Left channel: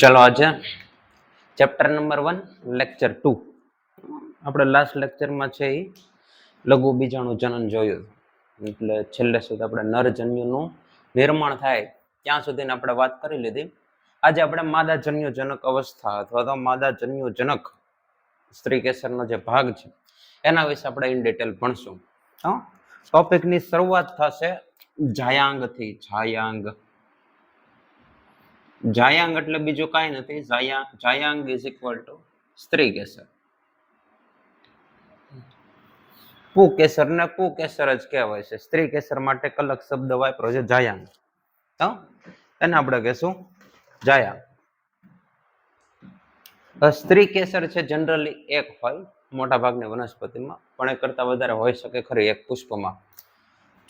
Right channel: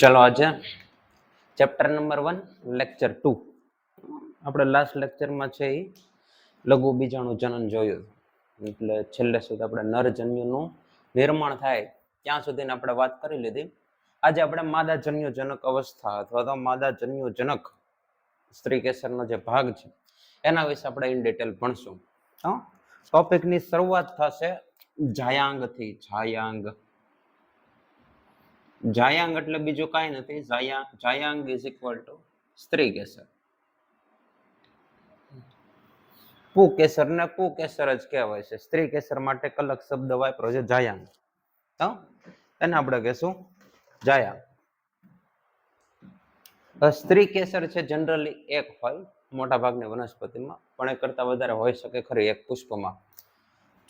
ચલો આજે chapter number 1 lecture 2 આપણે લાસ્ટ લેક્ચરમાં છે એ લઘુ બીજાણુ જનન જોયું, એટલે છેલ્લે સુધી આપણે નરજન્યુનું નિર્માણ થાય ત્યાં સુધીની આપણે વાત કરી લીધી. આજે આપણે માદાજન્યુજનક અવસ્થા અથવા તો માદાજન્યુજનક સ્ત્રી કેસરનો જે ભાગ છે એના વિશે આપણે ઇન ડિટેલ ભણશું. ટોપિકની શરૂઆત થશે જાયાંગથી. જાયાંગ એટલે બીજું કાંઈ નથી. જાયાંગ ઇઝ ઇક્વલ ટુ સ્ત્રી કેસર. પુકેસર ને પુકેસર જ કહેવાય છે. સ્ત્રી કેસર માટે અલગ શબ્દ વાપરો છે જાયાંગ. એને આપણે કહેશું જાયાંગ. સ્ત્રી કેસર છે જનરલી એક હોય મોટા ભાગની વનસ્પતિમાં, પણ એક કરતા વધારે હોઈ શકે ખરી એક પુષ્પમાં.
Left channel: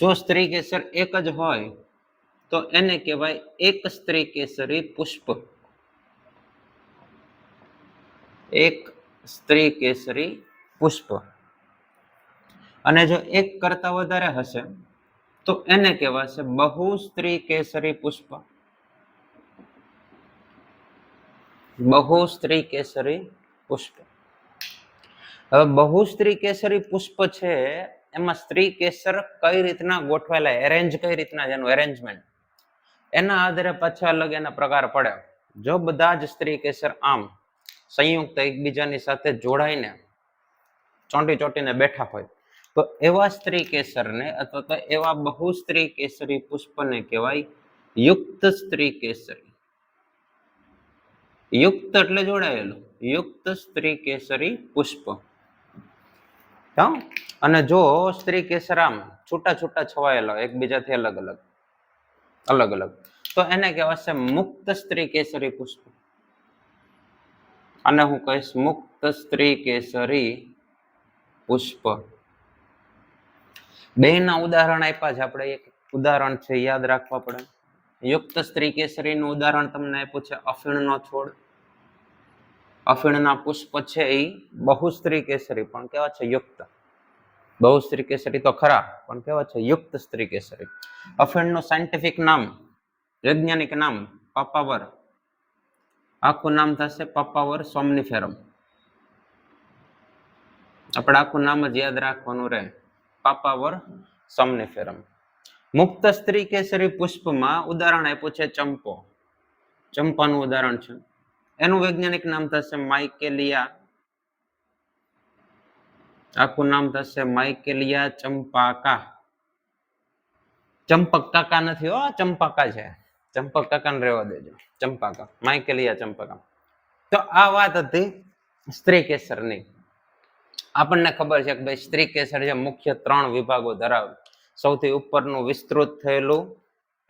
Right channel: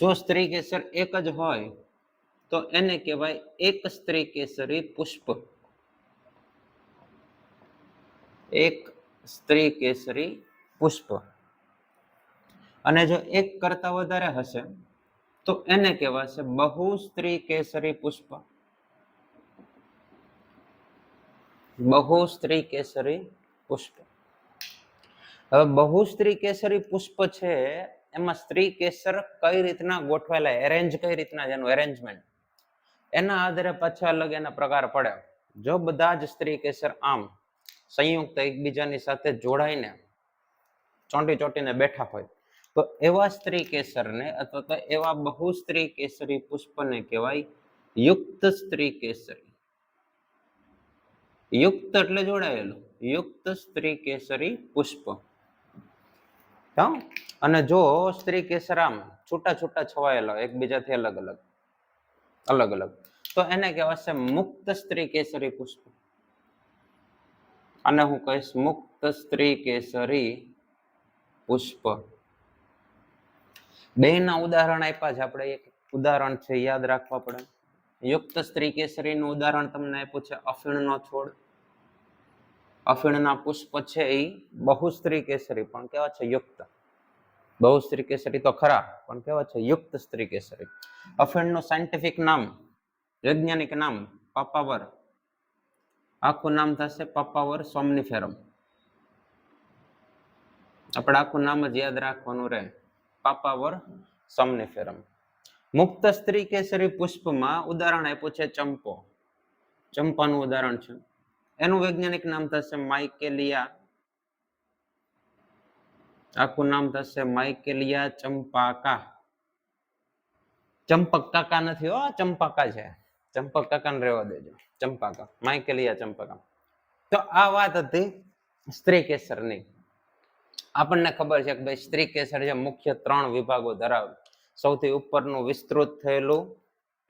જો સ્ત્રી કેસર એક જ હોય તો એને કહેવાય એક સ્ત્રી કેસરી પુષ્પ. એક સ્ત્રી કેસરી પુષ્પ. અને જો એક કરતા વધારે હશે તો એને કહેવાશે બહુ સ્ત્રી કેસરી પુષ્પ. બહુ સ્ત્રી કેસરી પુષ્પ. હવે બહુ સ્ત્રી કેસરી પુષ્પ છે એમાં સ્ત્રી કેસર કઈ રીતના ગોઠવાયેલા, એરેન્જ કઈ રીતના, એનું એરેન્જમેન્ટ એના આધારે પાછા અલગ એના પ્રકાર પડે. જો બધા જ સ્ત્રી કેસર આમ સંયુક્ત એકબીજાની સાથે જોડાઈને ચોંટીને બેઠા હોય તો એવા સ્ત્રી કેસરને અથવા તો એવા બહુ સ્ત્રી કેસરી પુષ્પને કહેવાય યુક્ત સ્ત્રી કેસરી. યુક્ત એટલે જોડાયેલું, યુક્ત સ્ત્રી કેસરી પુષ્પ. અને જો સ્ત્રી કેસર આમ છૂટા છવાયેલા એકબીજાથી અલગ અલગ તો એને કહેવાશે મુક્ત સ્ત્રી કેસરી પુષ્પ. અને હું કહીશ મુક્ત સ્ત્રી કેસરી પુષ્પ. બેના ઉદાહરણ આપ્યા છે આપણે. એક ઉદાહરણ છે યાદ રાખવા પડે. યુક્ત સ્ત્રી કેસરીનું ઉદાહરણ તમને આપ્યું છે અફીણનો છોડ. અફીણના પુષ્પ છે એ બહુ સ્ત્રી કેસરી પણ કેવા છે યુક્ત. બહુ સ્ત્રી કેસરી તો ખરા પણ કેવા છે યુક્ત સ્ત્રી કેસરી. અફીણનું સાયન્ટિફિક નામ, વૈજ્ઞાનિક નામ પાપાવર. આખું નામ થશે પાપાવર સોમનીફેરમ. આપણે આખું નામ જ યાદ રાખવાનું રહે, પાપાવર સોમનીફેરમ. મુક્ત સ્ત્રી કેસરી પુષ્પમાં ઉદાહરણ આપ્યું છે ચંપો. ચંપાનું ઉદાહરણ છે. એનું વૈજ્ઞાનિક નામ થશે માઇકેલિયા. આખું નામ થશે માઇકેલિયા ચંપાકા. ચંપક કાકા નથી હો, ચંપાકા છે. ચંપક કાકાને રહેવા દેજો. ચંપાકા, માઇકેલિયા ચંપાકા. તો આ વાત હતી સ્ત્રી કેસરની. આપણને ખબર છે કે ભાઈ સ્ત્રી કેસર જે મુખ્ય 3 વિભાગો ધરાવે. સૌથી ઉપરનું વિસ્તૃત થયેલું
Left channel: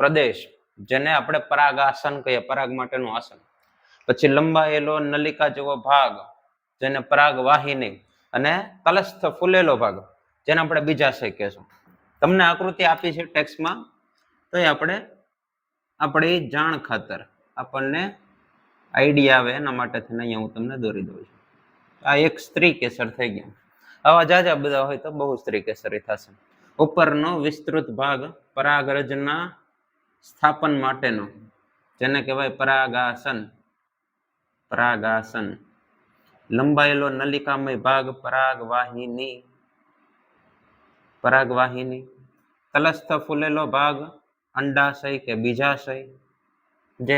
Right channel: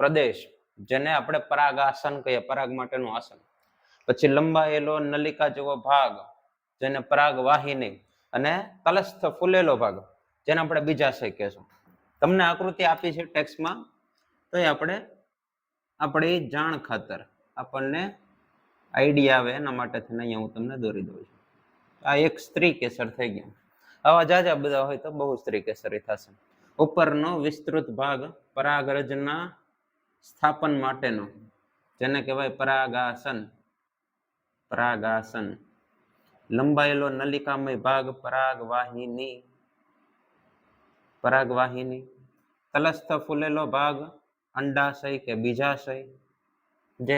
પ્રદેશ જેને આપણે પરાગાસન કહીએ, પરાગ માટેનું આસન. પછી લંબાયેલો નલિકા જેવો ભાગ જેને પરાગવાહિની, અને તલસ્થ ફૂલેલો ભાગ જેને આપણે બીજાશય કહેશું. તમને આકૃતિ આપી છે ટેક્સ્ટમાં, તો આપણે આપણી જાણ ખાતર આપણને આઈડિયા આવે એના માટે થઈને અહીંયા હું તમને દોરી દઉં છું. આ એક સ્ત્રી કેસર થઈ ગયા. આવા જાજા બધા હોય તો બહુ સ્ત્રી કેસરી થશે. ઉપરનો વિસ્તૃત ભાગ પરાગરજના સ્થાપન માટેનો જેને કહેવાય પરાગાસન. પરાગાસન. લંબાયેલો નલિકામય ભાગ પરાગવાહિની. પરાગવાહિની. તલસ્થ ફૂલેલો ભાગ અંડાશય કે બીજાશય. જે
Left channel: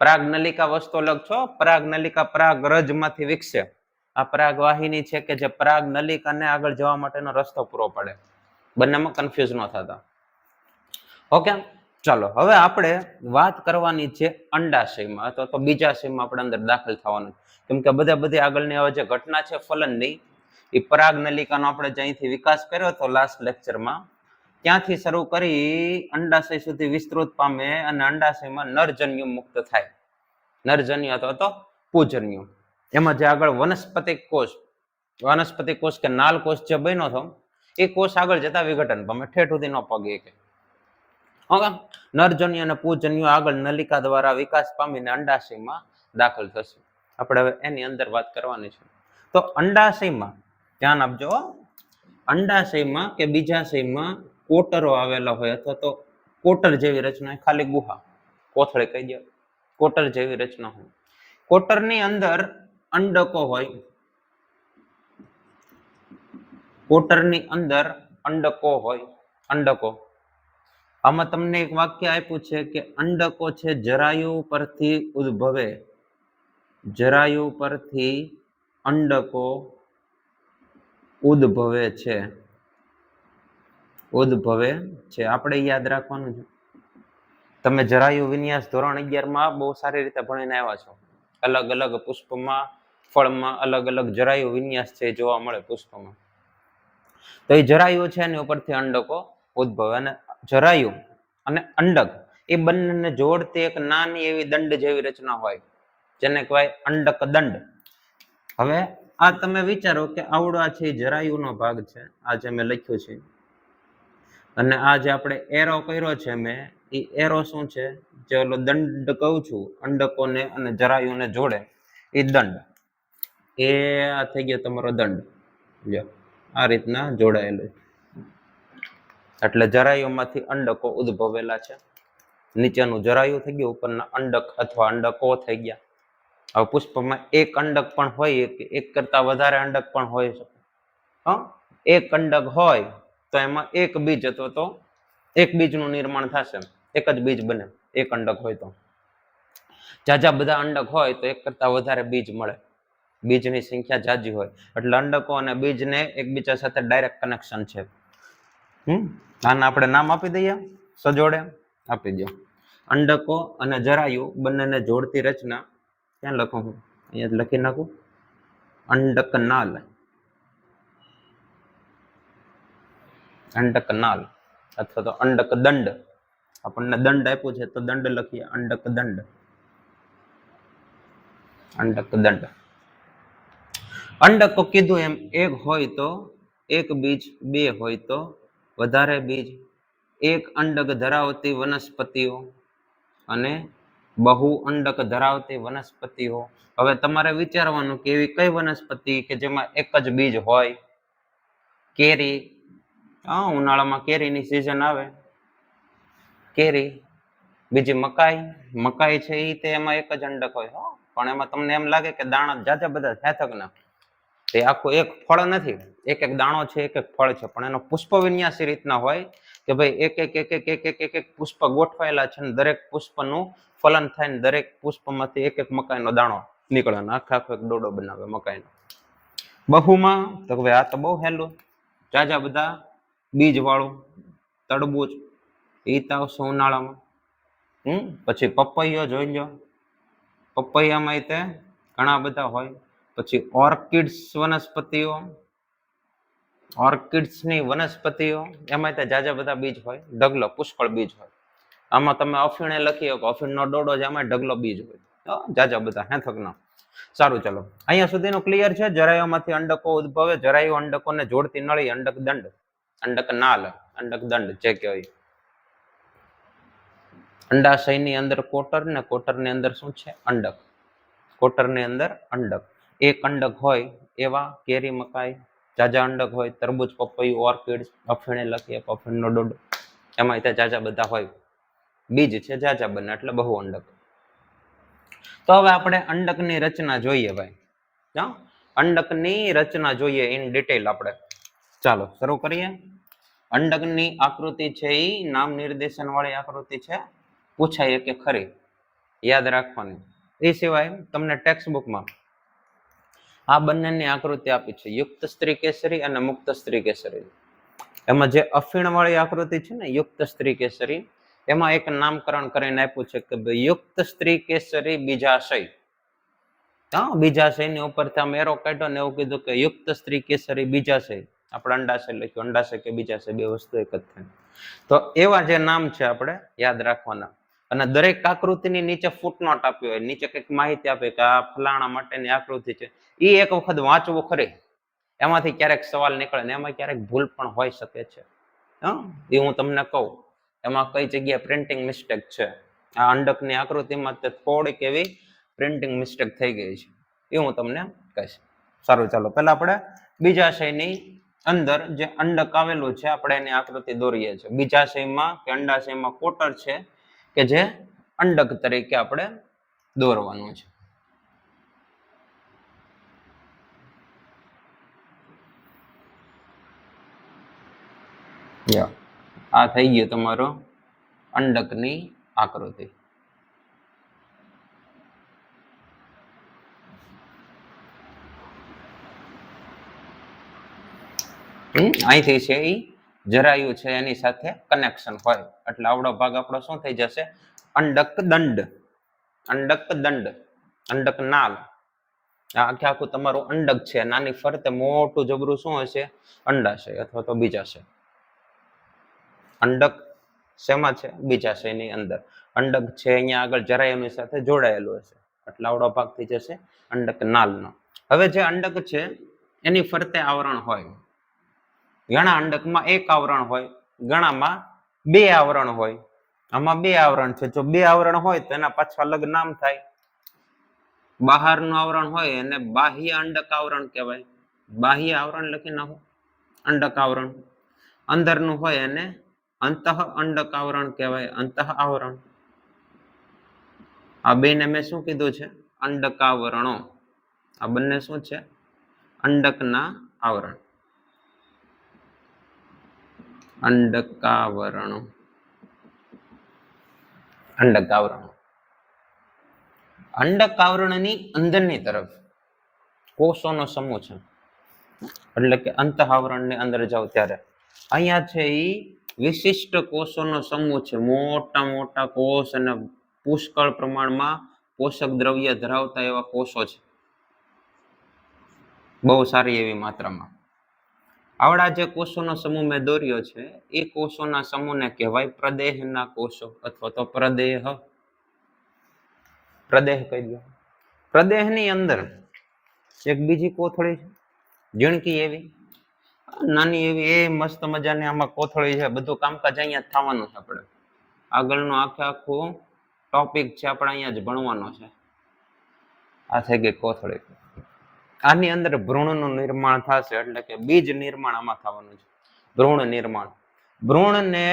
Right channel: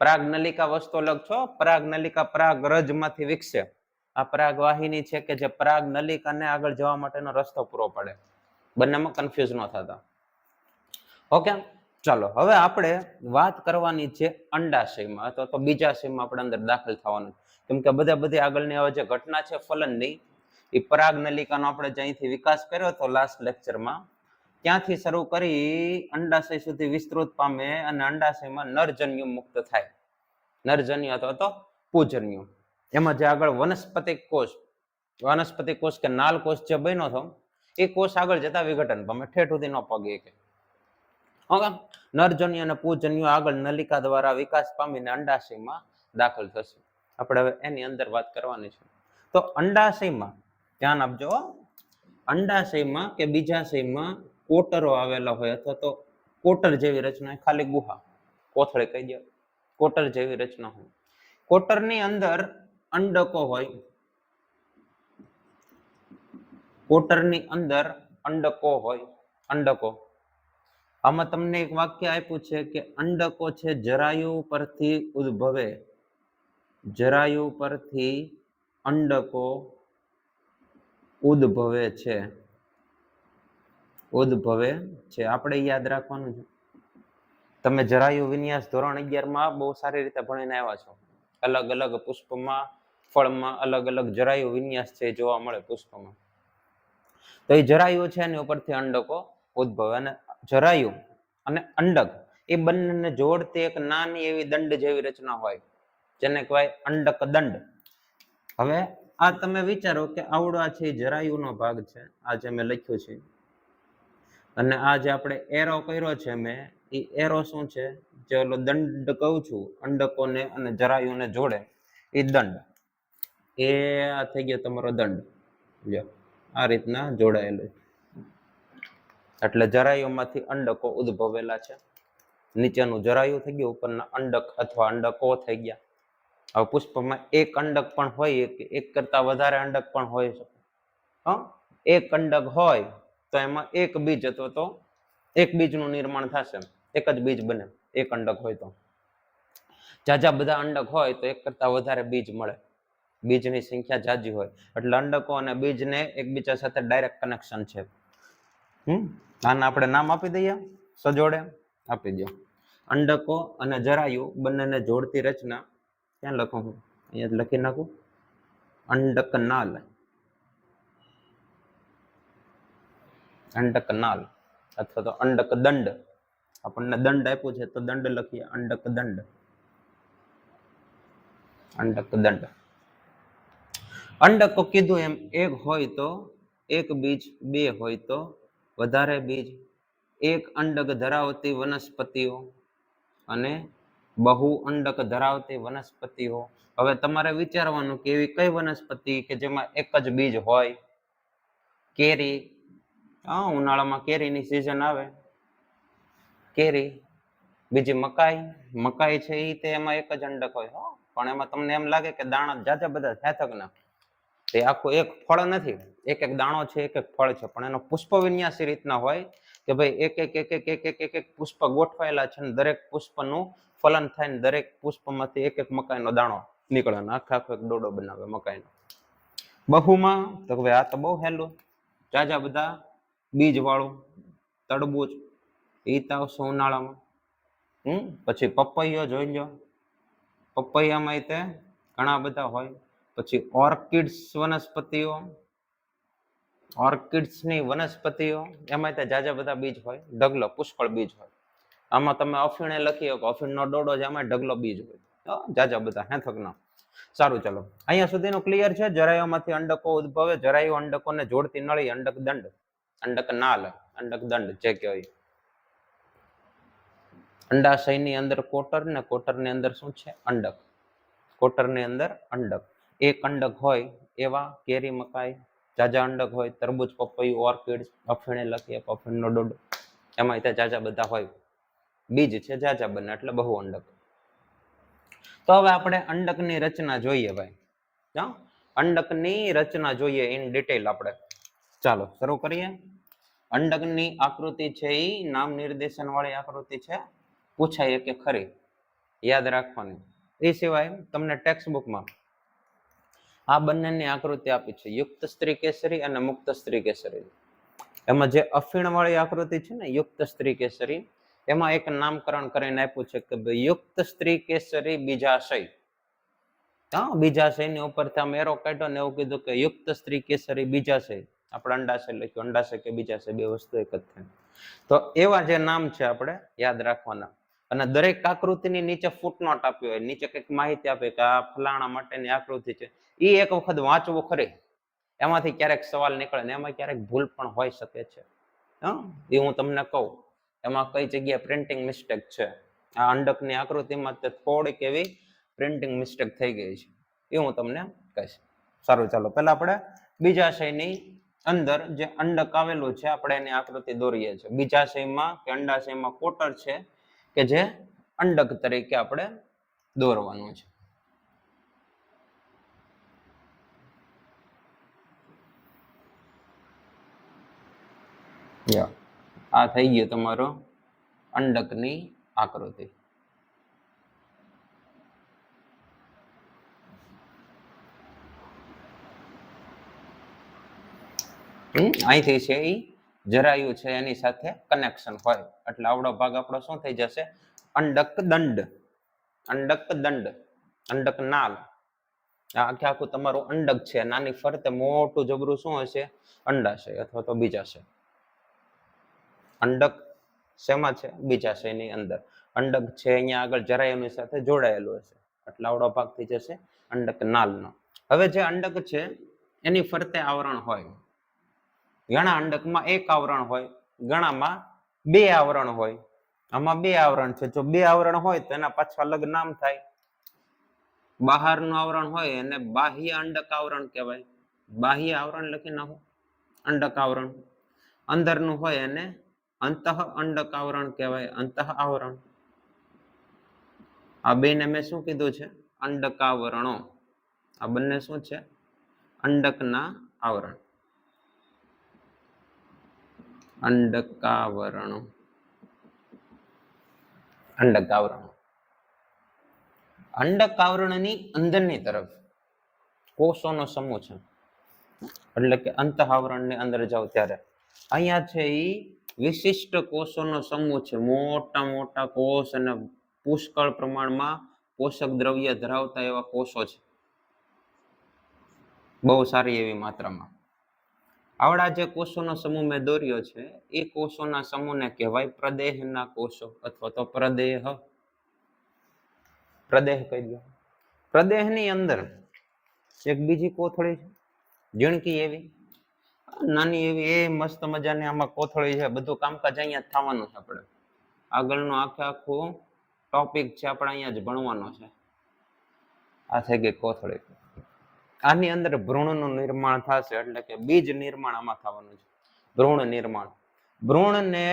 પરાગ નલિકા વસ્તુ અલગ છો. પરાગ નલિકા પરાગરજ માંથી વિકસે. આ પરાગવાહિની છે કે જે પરાગ નલિકાને આગળ જવા માટેનો રસ્તો પૂરો પાડે. બંનેમાં કન્ફ્યુઝ ન થતા. ઓકે, ચાલો હવે આપણે વાત કરવાની છે અંડાશયમાં અથવા તો બીજાશયમાં આપણે અંદર દાખલ થવાનું. કેમ કે બધી આગળની જે ઘટના છે ફલનની, એ પરાગ નલિકાનો આપણે જ્યાંથી વિકાસ કર્યો હતો લાસ્ટ લેક્ચરમાં, ત્યાંથી શરૂ કરી અંડાશય સુધી વિસ્તૃત પામે અને અંડાશયમાં નરજન્યુ મુક્ત થાય. નરજન્યુ અથવા તો પૂજન્યુ. એમાં જે આગળ વનસ્પતિ કોષ કે નાલ કોષ જે બન્યો હતો એ કોષ આગળ જતા વિઘટન પામે, ઠેઠ સુધી ન પગે કે. ઓકે, નરજન્યુ અને પૂજન્યુ આગળ નલિકા દ્વારા વિકાસ પામીને અંડાશયમાં દાખલ થશે. આપણે હવે એની અંદર વાત કરવાની છે. તો અંડાશયમાં ધ્યાન આપજો. અંડાશયમાં કે બીજાશયમાં કોટરો આવેલા હોય અથવા તો કોટર જેવી રચના, ખાલી ગુહા. કોથળી કહી દો. કોટર જેવી રચના હોય. કોટરની અંદર અંડકો હોય. કોટરની અંદર અંડકો હોય. અંડકો. આમાં તમને એક વાક્ય આપ્યું છે કે અંડકો છે જરાયુ પરથી ઉદ્ભવે. જરાયુ પરથી અંડકો ઉદ્ભવે છે. ઉદ્ભવે છે. આપણે યાદ રાખવાનું છે. તમે જરાયુ વિન્યાસ ધોરણ 11 માં બહુ સારી રીતે ભણીને આવ્યા છો. અલગ અલગ પુષ્પમાં, ફળમાં અલગ અલગ જરાયુ વિન્યાસ છે જોવા મળે પુષ્પમાં. તો એ જરાયુ છે એની ઉપરથી અંડકો ઉદ્ભવે. અને જરાયુ અને અંડક એ બંનેને જોડતી એક નાની એવી દંડ જેવી રચના હોય જેને કહેવાય અંડક દંડ. હવે આ તમે વિચારો કે આવડો આ છે જરાયુનો ભાગ છે, આ જે મેં લખ્યું છે, અને આ જે આપણે એરો કર્યો છે મેં, એ એરો શું છે? જે ઓલો દંડ કહું છું અંડકોને અને જરાયુને જોડે એ દંડ. એ આ થઈ ગયો તમારો દંડ. જો આ રીતના જોડાયેલું. એટલે જરાયુમાંથી અંડકો ઉદ્ભવેલા છે. નીચેનું જરાયુ થઈ ગયું, ઉપરના અંડક અથવા અંડકો થઈ ગયા. હવે પુષ્પમાં એક અંડક પણ હોય કે એક કરતા વધારે અંડક પણ હોય શકે. એક અંડક હોય તો એમાં એક બીજ અથવા તો એક બીજનું નિર્માણ થશે. એક જ બીજ બને એક અંડક હોય તો. જાજા બધા અંડક હોય તો એક કરતા વધારે બીજ મળે. બીજની સંખ્યા જાજી હોય એટલે અંડકો અને બીજને એકબીજા સાથે ડાયરેક્ટ કનેક્શન છે. આને આપણે નામ આપી દઈએ, સજોડે આપી દો. અંડકો અને જરાયુ બંનેને જોડતી રચના ક્યાં લખું હું? અહીંયા લખી નાખું, અંડકનાલ. અંડકનાલ અથવા તો અંડક દંડ. આપણને દંડ આપ્યું છે તો દંડ લખીએ, અંડક દંડ. અંડક દંડ. અંડકો કીધું એમ એક હોય તો એક બીજ, બે હોય તો વધારે બીજ, એક અંડક ધરાવતી વનસ્પતિઓ અને બહુ અંડક ધરાવતી વનસ્પતિઓ. હવે તમારે વિચારવાનું કે એવી કઈ વનસ્પતિ કે જેમાં એક જ બીજ હોય? કેરી. ઉનાળામાં કેરીની સિઝન આવે, કેરી. બીજી મકાઈ. મકાઈ છે એ તે એમાં એક જ અંડક હોય, પણ એમાં તમને એમ લાગે કે દાણા જાજા બધા થેથકના. તે આખું એક ફળ નથી, એક એક દાણો છે, એક એક ફળ છે, પણ એનો પુષ્પ વિન્યાસ એ રીતના હોય કે ભાઈ એક એક એક એક એક એક એક એક પુષ્પ ગોઠવાયેલા છે, દરેક પુષ્પનું ફલન થાય ને દરેક પુષ્પમાંથી એક એક મકાઈનો દાણો નીકળે, આખો એક ડોડો બનાવે મકાઈનો. બહુમાં તો હવે આ તો બહુ હેલું, જાજા બધા બીજ વાળું તરબૂચ, એ તો આવશે ઉનાળામાં. પછી પપૈયો જોઈ લો, પપૈયામાં તે ઘણા બધા હોય. પછી ઓર્કિડ્સ વનસ્પતિઓ, ઓર્કિડ્સની વનસ્પતિઓ એમાં તે જાજા બધા બીજ હોય, ઢગલો પુષ્કળ બીજ હોય. આમાં તમે અફીણે લખી શકો, અફીણનો ડોડો છે, આમાં ઢગલો બીજ હોય, જાજા બધા હેથકના. સારું, ચલો અહીંયા સુધીનું ક્લિયર છે. જરાયુમાંથી અંડકો ઉદ્ભવે, જરાયુ અંડકોને જોડતી નળી, અંડક દંડ, અંડક નાલ, અંડક દંડ જે કહેવાય. અંડાશયની અંદર કોટર ને કોટરની અંદર શું છે? અંડક. કોટરની અંદર અંડક. એક અંડક હોય એવા કેરી, મકાઈ. જાજા અંડક હોય તરબૂચ, પપૈયું, ઓર્કિડ, અફીણે લખીએ, અફીણનો ડોડો, એમાં ત્યાં જાજા બધા હોય. બીજ છે જાજા બને એટલે બહુ અંડક. તો હવે આપણે અંડકની રચના જોઈએ ભાઈ. અંડકની રચના જોઈએ ઇન ડિટેલ આપણે. ચાલો શરૂ કરીએ. અંડકની આકૃતિ છે એ નામ નિર્દેશન વાળી આકૃતિ છે, પૂછાય કે ખરી, યાદ રાખવાની. એ સિવાય તમને ટેક્સ્ટ બુકમાં આ બંનેની આકૃતિ આપી છે, યુક્ત સ્ત્રી કેસરી અને મુક્ત સ્ત્રી કેસરી. એમાં જે અફીણ વાળી આકૃતિ છે ને યુક્ત સ્ત્રી કેસરી, એમાં એક નામકરણ કરીને આપ્યું છે કે ભાઈ યુક્ત સ્ત્રી કેસરી બીજાશય. બીજાશયની ઉપર તમે એરો કાઢ્યો ને એવું કીધું કે યુક્ત સ્ત્રી કેસરી બીજાશય. આપણે અંડાશય લખ્યું, અંડાશય કે બીજાશય બે વસ્તુ એક જ થાય. તો એવા જે નામ છે આપણે યાદ રાખવાના. અને દરેક આકૃતિની નીચે ફૂટનોટ આપી હોય, નીચે કંઈક માહિતી આપે કે આ ફલાણા માટેની આકૃતિ છે. એ એક વખત વાંચવું ખરી, એમાંથી ક્યારેક સવાલ નીકળે ને એમાં ક્યારેક ભૂલ પણ હોઈ શકે છે. એ હું તમને કહું એમાં કઈ જગ્યાએ પ્રિન્ટિંગ મિસ્ટેક છે. આ અંડકની આકૃતિમાં થોડીક એવી પ્રિન્ટિંગ મિસ્ટેક થઈ ગઈ છે, એ હું તમને કહીશ. સારું, ચાલો પહેલા આપણે બીજાશયની અંદર જે અંડક આવેલું છે આપણે એની આકૃતિ દોરીએ છીએ. બીજાશયમાં કે અંડાશયમાં કોટર છે કે જે અંડક તરીકે આપણે દોરવાનું છે. આ થઈ ગયો તમારો અંડકની આકૃતિ. અહીંથી છે એ જરાયું છે એની સાથે કનેક્શન હોય એટલે આવડો ભાગ આપણો શું થઈ જશે? અંડક દંડ. અંડક દંડ, અંડક નાલ. આ આખે આખું તમારું અંડક છે. નાની ફરતે મોટું જબરું શું હશે? અંડાશય અથવા તો બીજાશય. અંડક શેમાં છે? બીજાશયની અંદર. અંડક છે અહીંયા આગળ જરાયુની સાથે જોડાયેલું હશે એટલે આવડો ભાગ થઈ જશે અંડક નાલનો. હવે જે અંડક છે એની ફરતે આવરણ હોય. ઘણા અંડકમાં એક આવરણ હોય, ઘણામાં બે આવરણ હોય. આમાં બે આવરણ છે. જો બે આવરણ હોય તો એના પાછા અલગ નામ થાય. બહારનું આવરણ હોય એને બાહ્ય અંડક આવરણ કહેવાય. બાહ્ય આવરણ લખી નાખો, અંડક આવરણ. અંદરનું હોય એને અંતઃ અંડક આવરણ કહેવાય, અંતઃ આવરણ. આ બેને મેં શું કીધું છે? અંડકાવરણો. આ બંને શું છે? અંડકના આવરણ. અંડકાવરણો. અંડકાવરણો. અંડકાવરણની અંદરની તરફ કોષોનો સમૂહ છે. એટલે કે અંતઃ આવરણની અંદર જાઓ ત્યારે અહીંયા છે એ વિશિષ્ટ કોષોનો સમૂહ છે. મોટા મોટા કોષ અને પુષ્કળ પ્રમાણમાં પોષક દ્રવ્ય ધરાવતા એવા કોષો છે, બહુ સારી એવી માત્રામાં. આવડા જે કોષોનો સમૂહ મેં દોર્યો છે એ કોષોના સમૂહને કહેવાય પ્રદેહના કોષો અથવા તો પ્રદેહ. પ્રદેહ કહી દો. પ્રદેહની અંદર એક બીજી કોથળી છે, ઝીણકી એવી, નાની એવી, એ મસ્ત મજાની આમાં કોથળી છે. બધું કામકાજ અહીંયા થવાનું છે. આપણે આગળનું આખું ટોપિક છે આપણે અહીંયા જ ભણવાનો છે. આ થઈ ગઈ કોથળી. આની અંદર ભ્રૂણનું નિર્માણ થશે એટલે કે બીજ નિર્માણ આમાં થવાનું છે. ભ્રૂણ નિર્માણ. ભ્રૂણને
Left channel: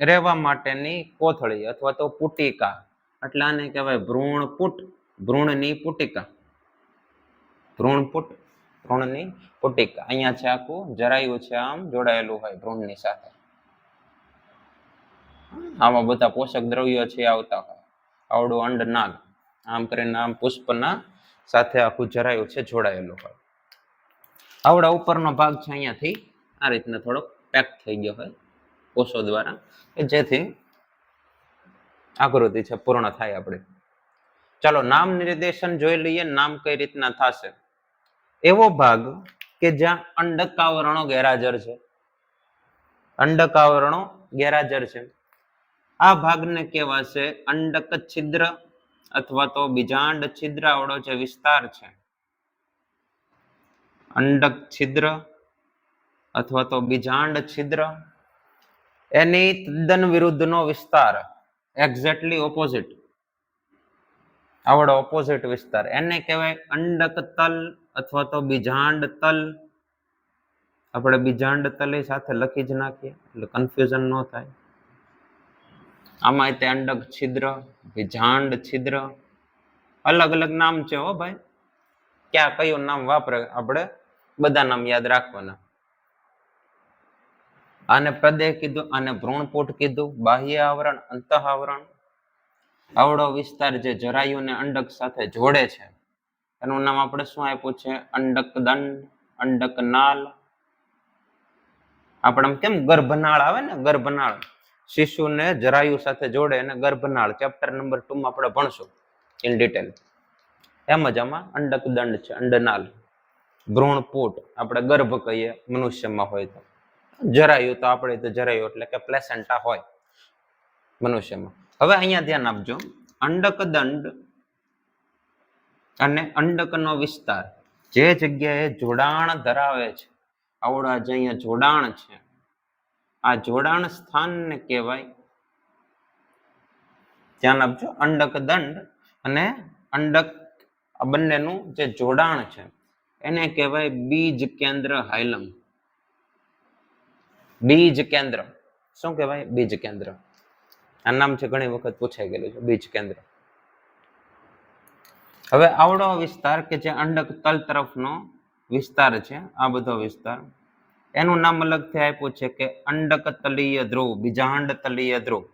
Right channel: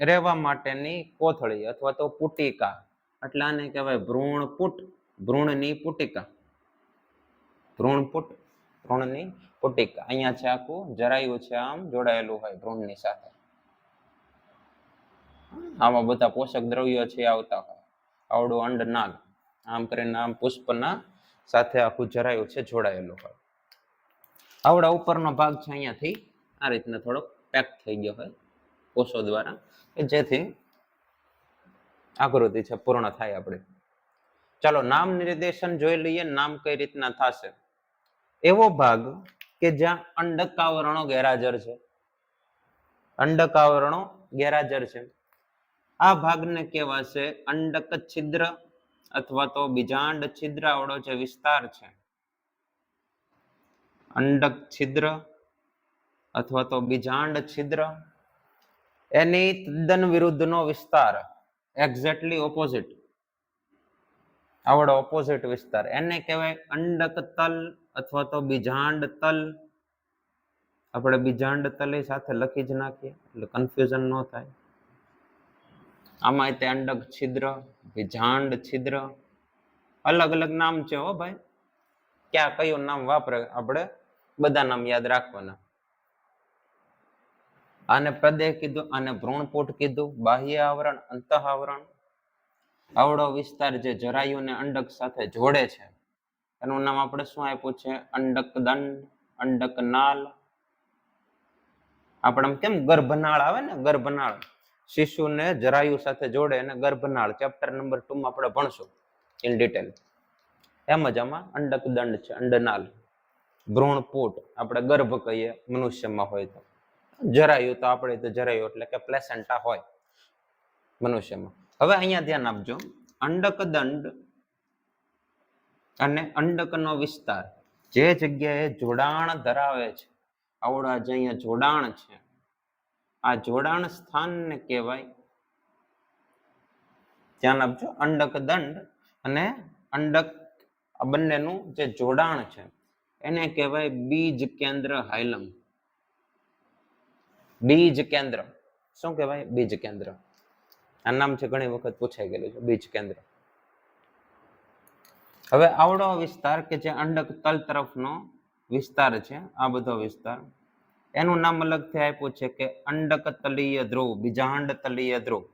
રહેવા માટેની કોથળી અથવા તો પુટિકા એટલે આને કહેવાય ભ્રૂણપુટ. ભ્રૂણની પુટિકા. ભ્રૂણપુટ, ભ્રૂણની પુટિકા. અહીંયા છે આખું જરાયું છે આમ જોડાયેલું હોય ભ્રૂણની સાથે. આમાં બધા પોષક દ્રવ્યો છે આવતા હોય. આવડું અંડનાલ આમ કરીને આમ પુષ્પના સાથે આખું જરાયું છે જોડાયેલું હોય. આવડા ઉપરનો ભાગ છે અહીંયાથી આ રીતના થોડોક પેક થઈ ગયો હોય કોષો દ્વારા, કે જેથી આકૃતિ છે પૂર્ણ થાય આપણે. ચાલો નામ નિર્દેશન જોઈ લઈએ. નામ કઈ રીતના થશે? એવો ભાગ કે જ્યાં અંડકાવરણો ગેરહાજર છે. અંડકાવરણો ગેરહાજર છે. આ ભાગને કહેવાશે અંડક છિદ્ર અથવા તો બીજાંડ છિદ્ર. આવડો જે વિસ્તાર છે અંડક છિદ્ર અથવા તો બીજાંડ છિદ્ર, એની તદ્દન વિરુદ્ધનો વિસ્તાર, એક્ઝેક્ટલી ઓપોઝિટ. આવડો ઓપોઝિટ વિસ્તાર એને કહેવાય અંડક તલ અથવા તો બીજાંડ તલ. આપણે બીજાંડ તલ સાથે લખી જ નાખીએ એટલે કન્ફ્યુઝન ન થાય. આમાં તે અંડક છિદ્ર, બીજાંડ છિદ્ર, અલગ અલગ નામ છે હો ભાઈ. ક્યાં કયું નામ વાપરે આપણે બધા નામ યાદ રાખવાના. આને પ્રદેહ કીધું, આને ભ્રૂણપુટ કીધું. બાહ્ય આવરણ, અંતઃ આવરણ. આવડો વિસ્તાર જે જરાયુને અંડક સાથે જોડે છે એનું નામ આપણે શું આપ્યું છે? અંડક દંડ, અંડક નાલ. આપણે કેમ ગર્ભનાળ આવે ને, ગર્ભનાળ શિશુને જરાયુ સાથે જોડે એને ગર્ભનાળ ચેપ્ટર નંબર 2 માં આપણે ભણશું ઇન ડિટેલ. એમ જ આમાં અંડક દંડ છે, અંડનાલ. ભ્રૂણપુટ આપણે ગર્ભ કહીએ મનુષ્યમાં હોય તો. જરાયુ તો આપણે તો જરાયુ એટલે કે પ્લેસેન્ટા હોય મનુષ્યમાં. હવે અહીંયા ધ્યાન આપજો. અંડક દંડ અને અંડકનો વિસ્તાર જે જગ્યાએ જોડાણ ધરાવે છે, આવડા જે અહીંયા જોડાણ છે, આ જોડાણ સ્થાનને કહેવાય, ધ્યાન આપજો, અંડક દંડ અને અંડક આ બંનેનું જે જોડાણ છે એને કહેવાય બીજ કેન્દ્ર હાયલમ. બીજ કેન્દ્ર શું કહેવાય? બીજ કેન્દ્ર. આ નામ છે ઘણી વખત પૂછાઈ ગયેલું છે, બીજ કેન્દ્ર. હવે આવડો વિસ્તાર કે જે અંડક તલ તરફનો વિસ્તાર છે, આ બધો વિસ્તાર, એનું નામ અલગથી આપ્યું છે કે અંડક તલીય ધ્રુવ, બીજાંડ તલીય ધ્રુવ.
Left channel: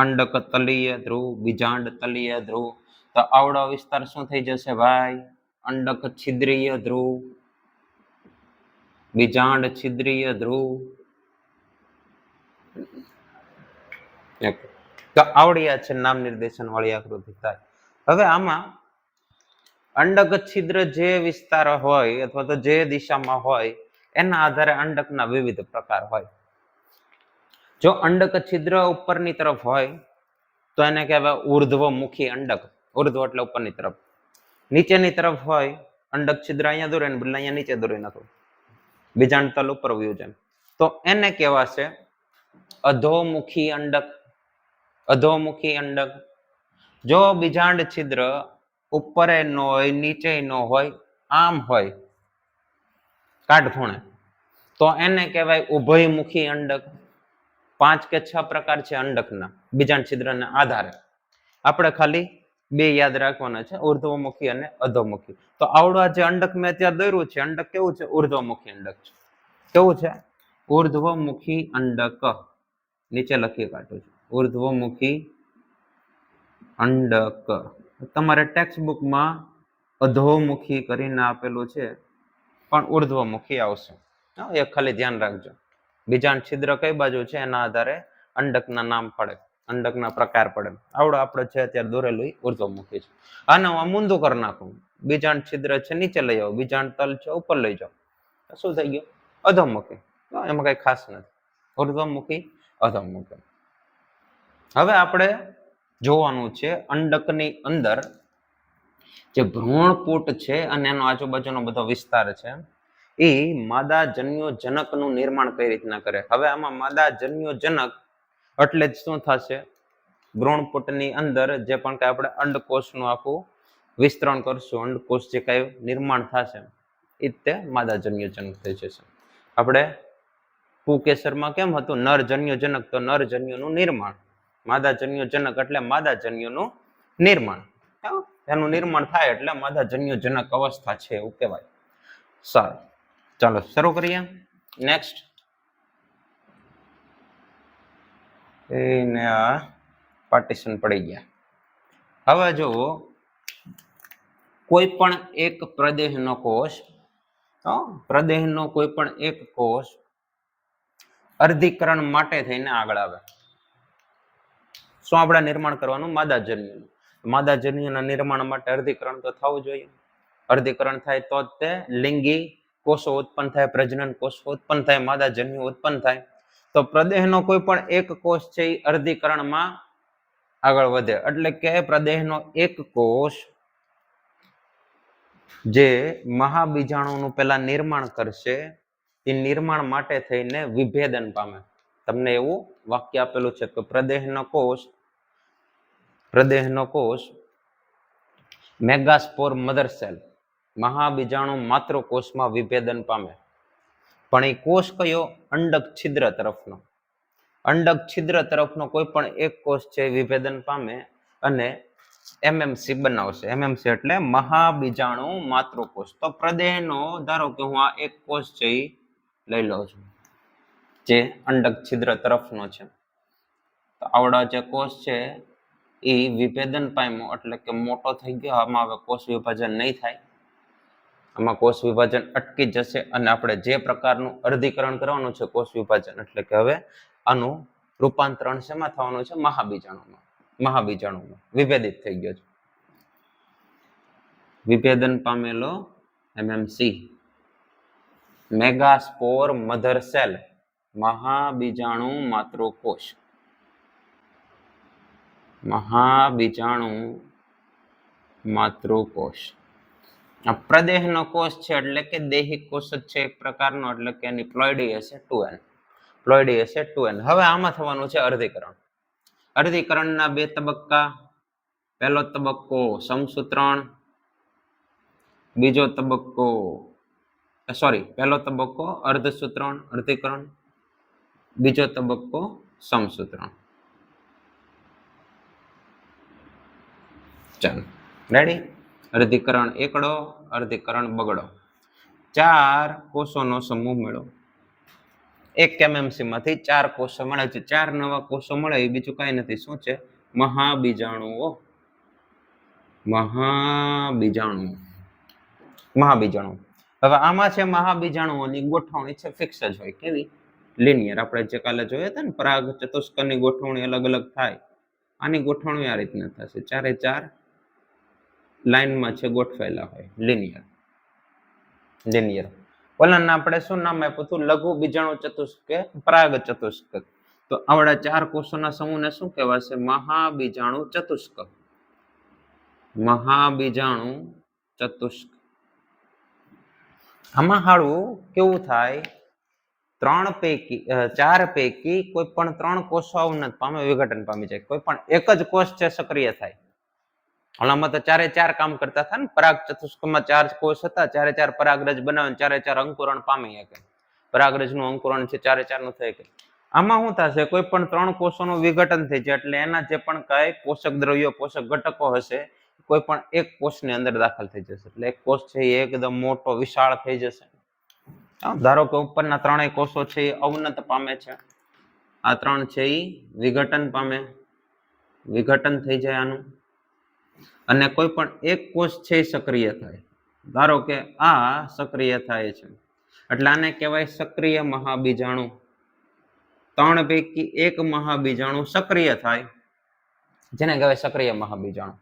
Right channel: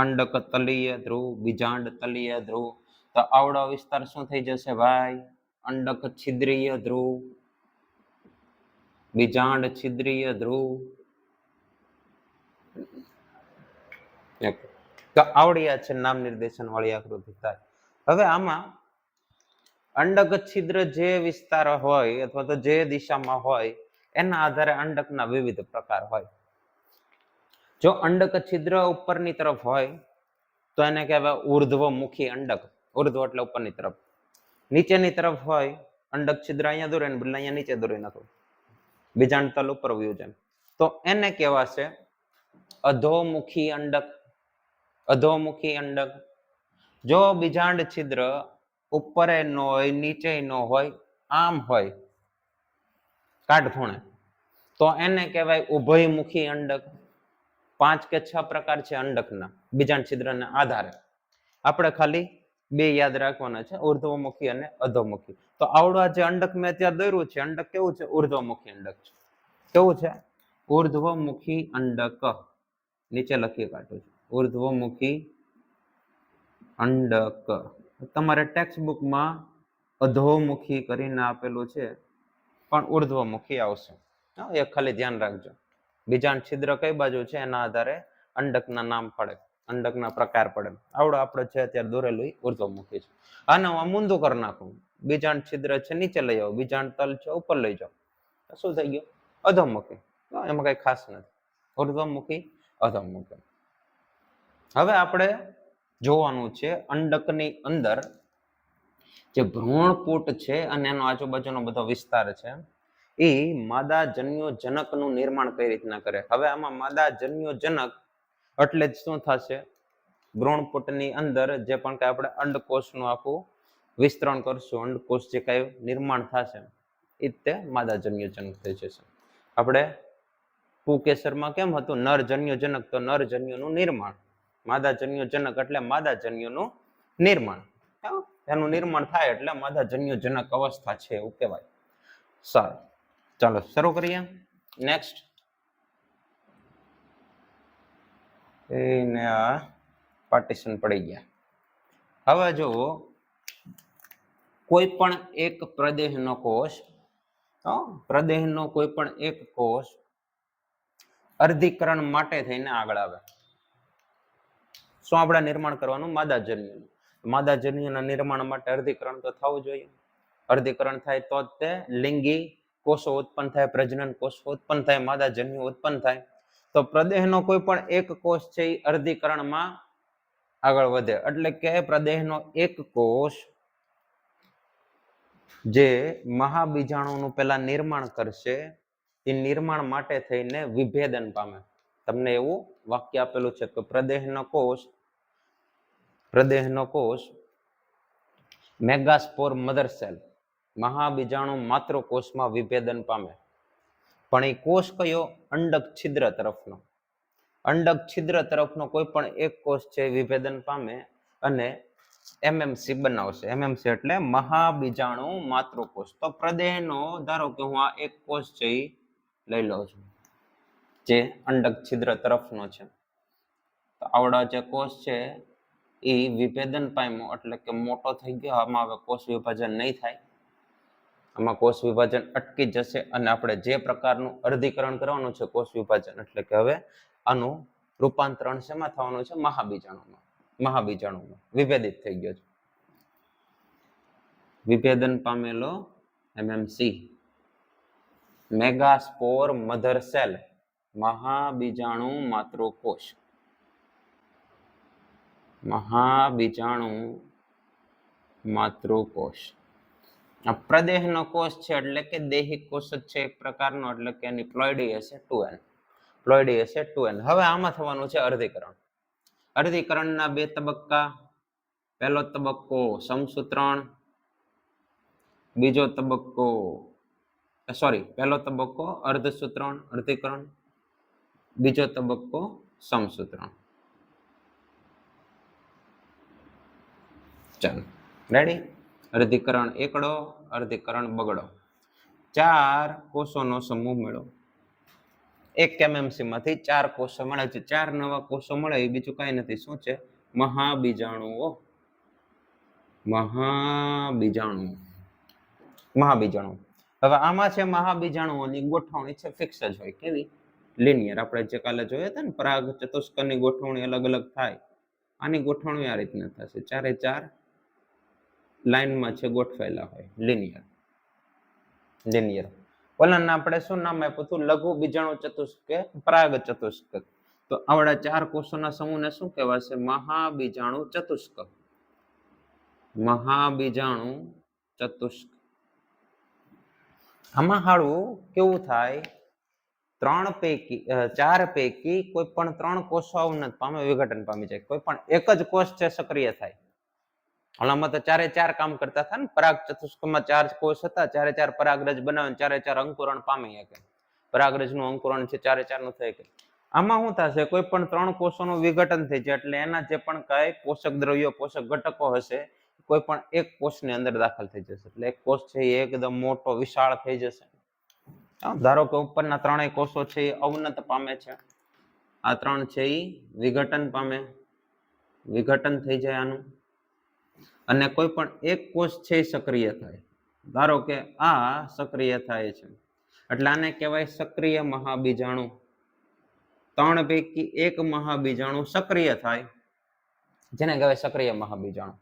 અંડક તલીય ધ્રુવ, બીજાંડ તલીય ધ્રુવ. તો આવડો વિસ્તાર શું થઈ જશે ભાઈ? અંડક છિદ્રીય ધ્રુવ, બીજાંડ છિદ્રીય ધ્રુવ. તો આવડી આ છે નામ નિર્દેશન વાળી આકૃતિ થાય. હવે આમાં અંડક છિદ્ર જે વિસ્તાર હોય અથવા તો જે દિશામાં હોય એના આધારે અંડકના વિવિધ પ્રકાર હોય. જો અંડક છિદ્ર ઉપરની તરફ હોય તો એને કહેવાય ઉર્ધ્વમુખી અંડક. ઉર્ધ્વ એટલે ઉપરની તરફ. નીચેની તરફ હોય, અંડક છિદ્ર અહીંયા દોરે ને બદલે અહીંયા નીચે દોરી નાખો, બીજાંડ તલ ઉપર વયું જાય, તો એને કહેવાશે અધોમુખી અંડક. અધોમુખી અંડક. જો બીજાંડ છિદ્ર ઉપર ન હોય, નીચે ન હોય, આમ હોય કાટખૂણે, તો એને કહેવાય ઉભયમુખી અંડક. 5 કે 6 પ્રકાર છે અંડકના બીજાંડ છિદ્રના આધારે. આપણે ખાલી 2 યાદ રાખવાના છે, ઉર્ધ્વમુખી અને અધોમુખી. તો આવડું જે અંડક મેં ત્યાં દોર્યું છે, અંડક કેવું છે? ઉર્ધ્વમુખી અંડક છે. કેવું છે? ઉર્ધ્વમુખી અંડક. નીચે લખી કાઢું છું, ઉર્ધ્વમુખી અંડક. તમારે ટેક્સ્ટબુકમાં અધોમુખી કરીને આપેલું છે, પણ ઉર્ધ્વમુખી આવશે. એ ખાલી ધ્યાન રાખજો. બીજાંડ છિદ્ર કઈ બાજુ છે એના આધારે અંડકના નામ પડે, અંડકના પ્રકાર પડે. આવડો આપણે છે અત્યારે દોરેલું ઉર્ધ્વમુખી છે. આને હું મૂંધું કરી નાખું, બીજાંડ છિદ્ર છે નીચે લઈ આવો, બીજાંડ તલ છે ઉપર લઈ જાઓ, શું થઈ ગયું? અધોમુખી. એમાં કઈ ખાસ નથી. ઉર્ધ્વમુખી, અધોમુખી. હવે આપણે જોવાનું છે અંડકની અંદર જે ભ્રૂણપૂટ છે અને એનો આજુબાજુનો બધો વિસ્તાર છે, એ માદા જન્યોજનકનું નિર્માણ કઈ રીતના કરે. હવે આમાં માદા જન્યોજનક એટલે જ શું થશે? ભ્રૂણપૂટની અંદર જે પણ કઈ આપણે અંડકોષનું આખું વિસ્તરણ કરશું, અંડકોષ જે કઈ નિર્માણ થશે એ તે માદા જન્યોજનક થઈ જશે. આપણે કુકેસરમાં કેમ હતું? નરજન્યોજનક, તો નરજન્યુનું નિર્માણ. માદા જન્યોજનક એટલે માદા જન્યુનું નિર્માણ. એનું નિર્માણ થાય એટલે માદા જન્યોજનક અવસ્થા છે એવું કહેવાય. સારું, ચાલો શરૂ કરીએ. નેક્સ્ટ એને આ પાર્ટીશન પડી ગયા. હવે જો કોઈ પણ એક પ્રદેહનો કોષ, પ્રદેહનો કોઈ પણ એક કોષ અર્ધીકરણ માટે થઈને આગળ આવે. શું આપણે નિર્માણ કરવાનું? માદાજન્યુનું. માદાજન્યુના નિર્માણ માટે અર્ધીકરણ તો થવું જોઈએ. અર્ધીકરણ થાય તો જ તે લિંગી કોષો ઉત્પન્ન થાય, પ્રજનન કોષો ઉત્પન્ન થાય, માદાજન્યુ ઉત્પન્ન થાય. તો પ્રદેહનો કોઈ પણ એક કોષ છે એ અર્ધીકરણમાં આગળ વધે. એટલે કે પ્રદેહનો એક કોષ જે મહાબીજાણુનું પહેલા નિર્માણ કરશે, એ નિર્માણ માટે થઈને વિભેદન પામે. તમને એવું વાક્ય આપેલું છે કે પ્રદેહનો કોષ મેગાસ્પોર મધર સેલ, મહાબીજાણુ માતૃકોષમાં વિભેદન પામે. પણ એ કોષ કયો? અંડક છિદ્ર તરફનો. અંડક છિદ્ર તરફનો કોઈ પણ એક કોષ છે વિભેદન પામે અને એમએમસી બનાવશે. એમએમસી એટલે મહાબીજાણુ માતૃકોષ. તો પ્રદેહનો ધારો કે હું આ એક કોષ છે એ લઈ લઉં છું જે અંડક છિદ્ર તરફનો છે. તો આવડા જે કોષ છે એ વિભેદન પામ્યો એટલે કે મોટો થઈ ગયો. આમાં હવે કોષ વિભાજન નહીં થાય, આમાં કોષ વિભાજન અટકી જશે અને આપણે જે પ્રકારનું અર્ધીકરણ કરવાનું છે કોષ વિભાજન, એટલે કે હવે આનું રૂપાંતરણ શેમાં થવાનું છે? મહાબીજાણુમાં. મહાબીજાણુમાં વિભેદિત થઈ ગયો છે. વિભેદન પામેલો એમએમસી, મેગાસ્પોર મધર સેલ, મહાબીજાણુ માતૃકોષ. મહાબીજાણુ માતૃકોષ. આ પ્રદેહનો કોષ છે એટલે કે દૈહિક કોષ જ છે એક પ્રકારનો, એટલે કે એની પ્લોઇડી હશે 2n. પ્લોઇડી હશે 2n. હવે આમાં થવાનું છે અર્ધીકરણ. અર્ધીકરણના 2 તબક્કા. પહેલો તબક્કો સમસૂત્રણ, બીજો તબક્કો પહેલો તબક્કો અર્ધસૂત્રણ, અર્ધીકરણ. બીજો તબક્કો સમસૂત્રણ. ચાલો રેડી. અર્ધીકરણ એકડો, અર્ધીકરણ બગડો. 4 કોષોનો સમૂહ મેળવો. એક MMC માંથી 4 કોષો મળે છે. 4 નવા કોષો મળે એ બીજું કઈ નથી. શું છે? મહાબીજાણુઓ. મહાબીજાણુ. મહાબીજાણુ. હવે આમાં છે મહાબીજાણુઓની ગોઠવણી છે ફિક્સ જ હોય. કેવી? લિનિયર. આપણે જે કાલે જોયા હતા ને પરાગ ચતુષ્કની ગોઠવણી અલગ અલગ થાય, આની ગોઠવણી આ રીતના થશે. 4 4 લાઈનમાં છે ગોઠવાયેલા હોય. લિનિયર. લિનિયર. ઓલાને આપણે શું નામ આપ્યું હતું? લઘુ બીજાણુ ચતુષ્ક કે પરાગ ચતુષ્ક. તો આવડા 4 કોષોના સમૂહને શું કહેવાશે? મહાબીજાણુ ચતુષ્ક. મહાબીજાણુ ચતુષ્ક. આમાં હાળું કેવું થાય? 4 પૈકી કોઈ પણ 3 કોષો અવનત પામે, વિઘટન પામી જાય. કોઈ પણ એક જ કોષ છે સક્રિય થાય. હમણાં તો 4 4 કામ કરતા હતા ને. પરાગ ચતુષ્કમાં 4 કોષ હતા. 4 4 પરાગરજ બનાવે, 4 4 અંકુરણ પામી શકે. પરાગરજનું અંકુરણ છે 4 4 નું થાય. આમાં શું થશે? કોઈ પણ 3 કોષોનું વિઘટન થઈ જાય એટલે એના જે પણ કાંઈ પોષક દ્રવ્યો, પોષક ઘટકો હશે, કોઈ પણ એક કોષની અંદર દાખલ થઈ જશે. એટલે એક કોષ છે એ એકદમ મોટો વિશાળ થઈ જશે. ધારો કે ઉપરના 3 કોષો છે એ અવનત પામે છે. આ 3 છે એ વિઘટન પામે, વિઘટન થઈ જાય આનું. અને કોઈ પણ એક કોષ છે એ સક્રિય થાય. ધારો કે આ સક્રિય થાય છે એટલે આને કહેવાય સક્રિય મહાબીજાણુ. 3 પૈકી એક મહાબીજાણુ સક્રિય થાય, જેને કહેવાય સક્રિય મહાબીજાણુ.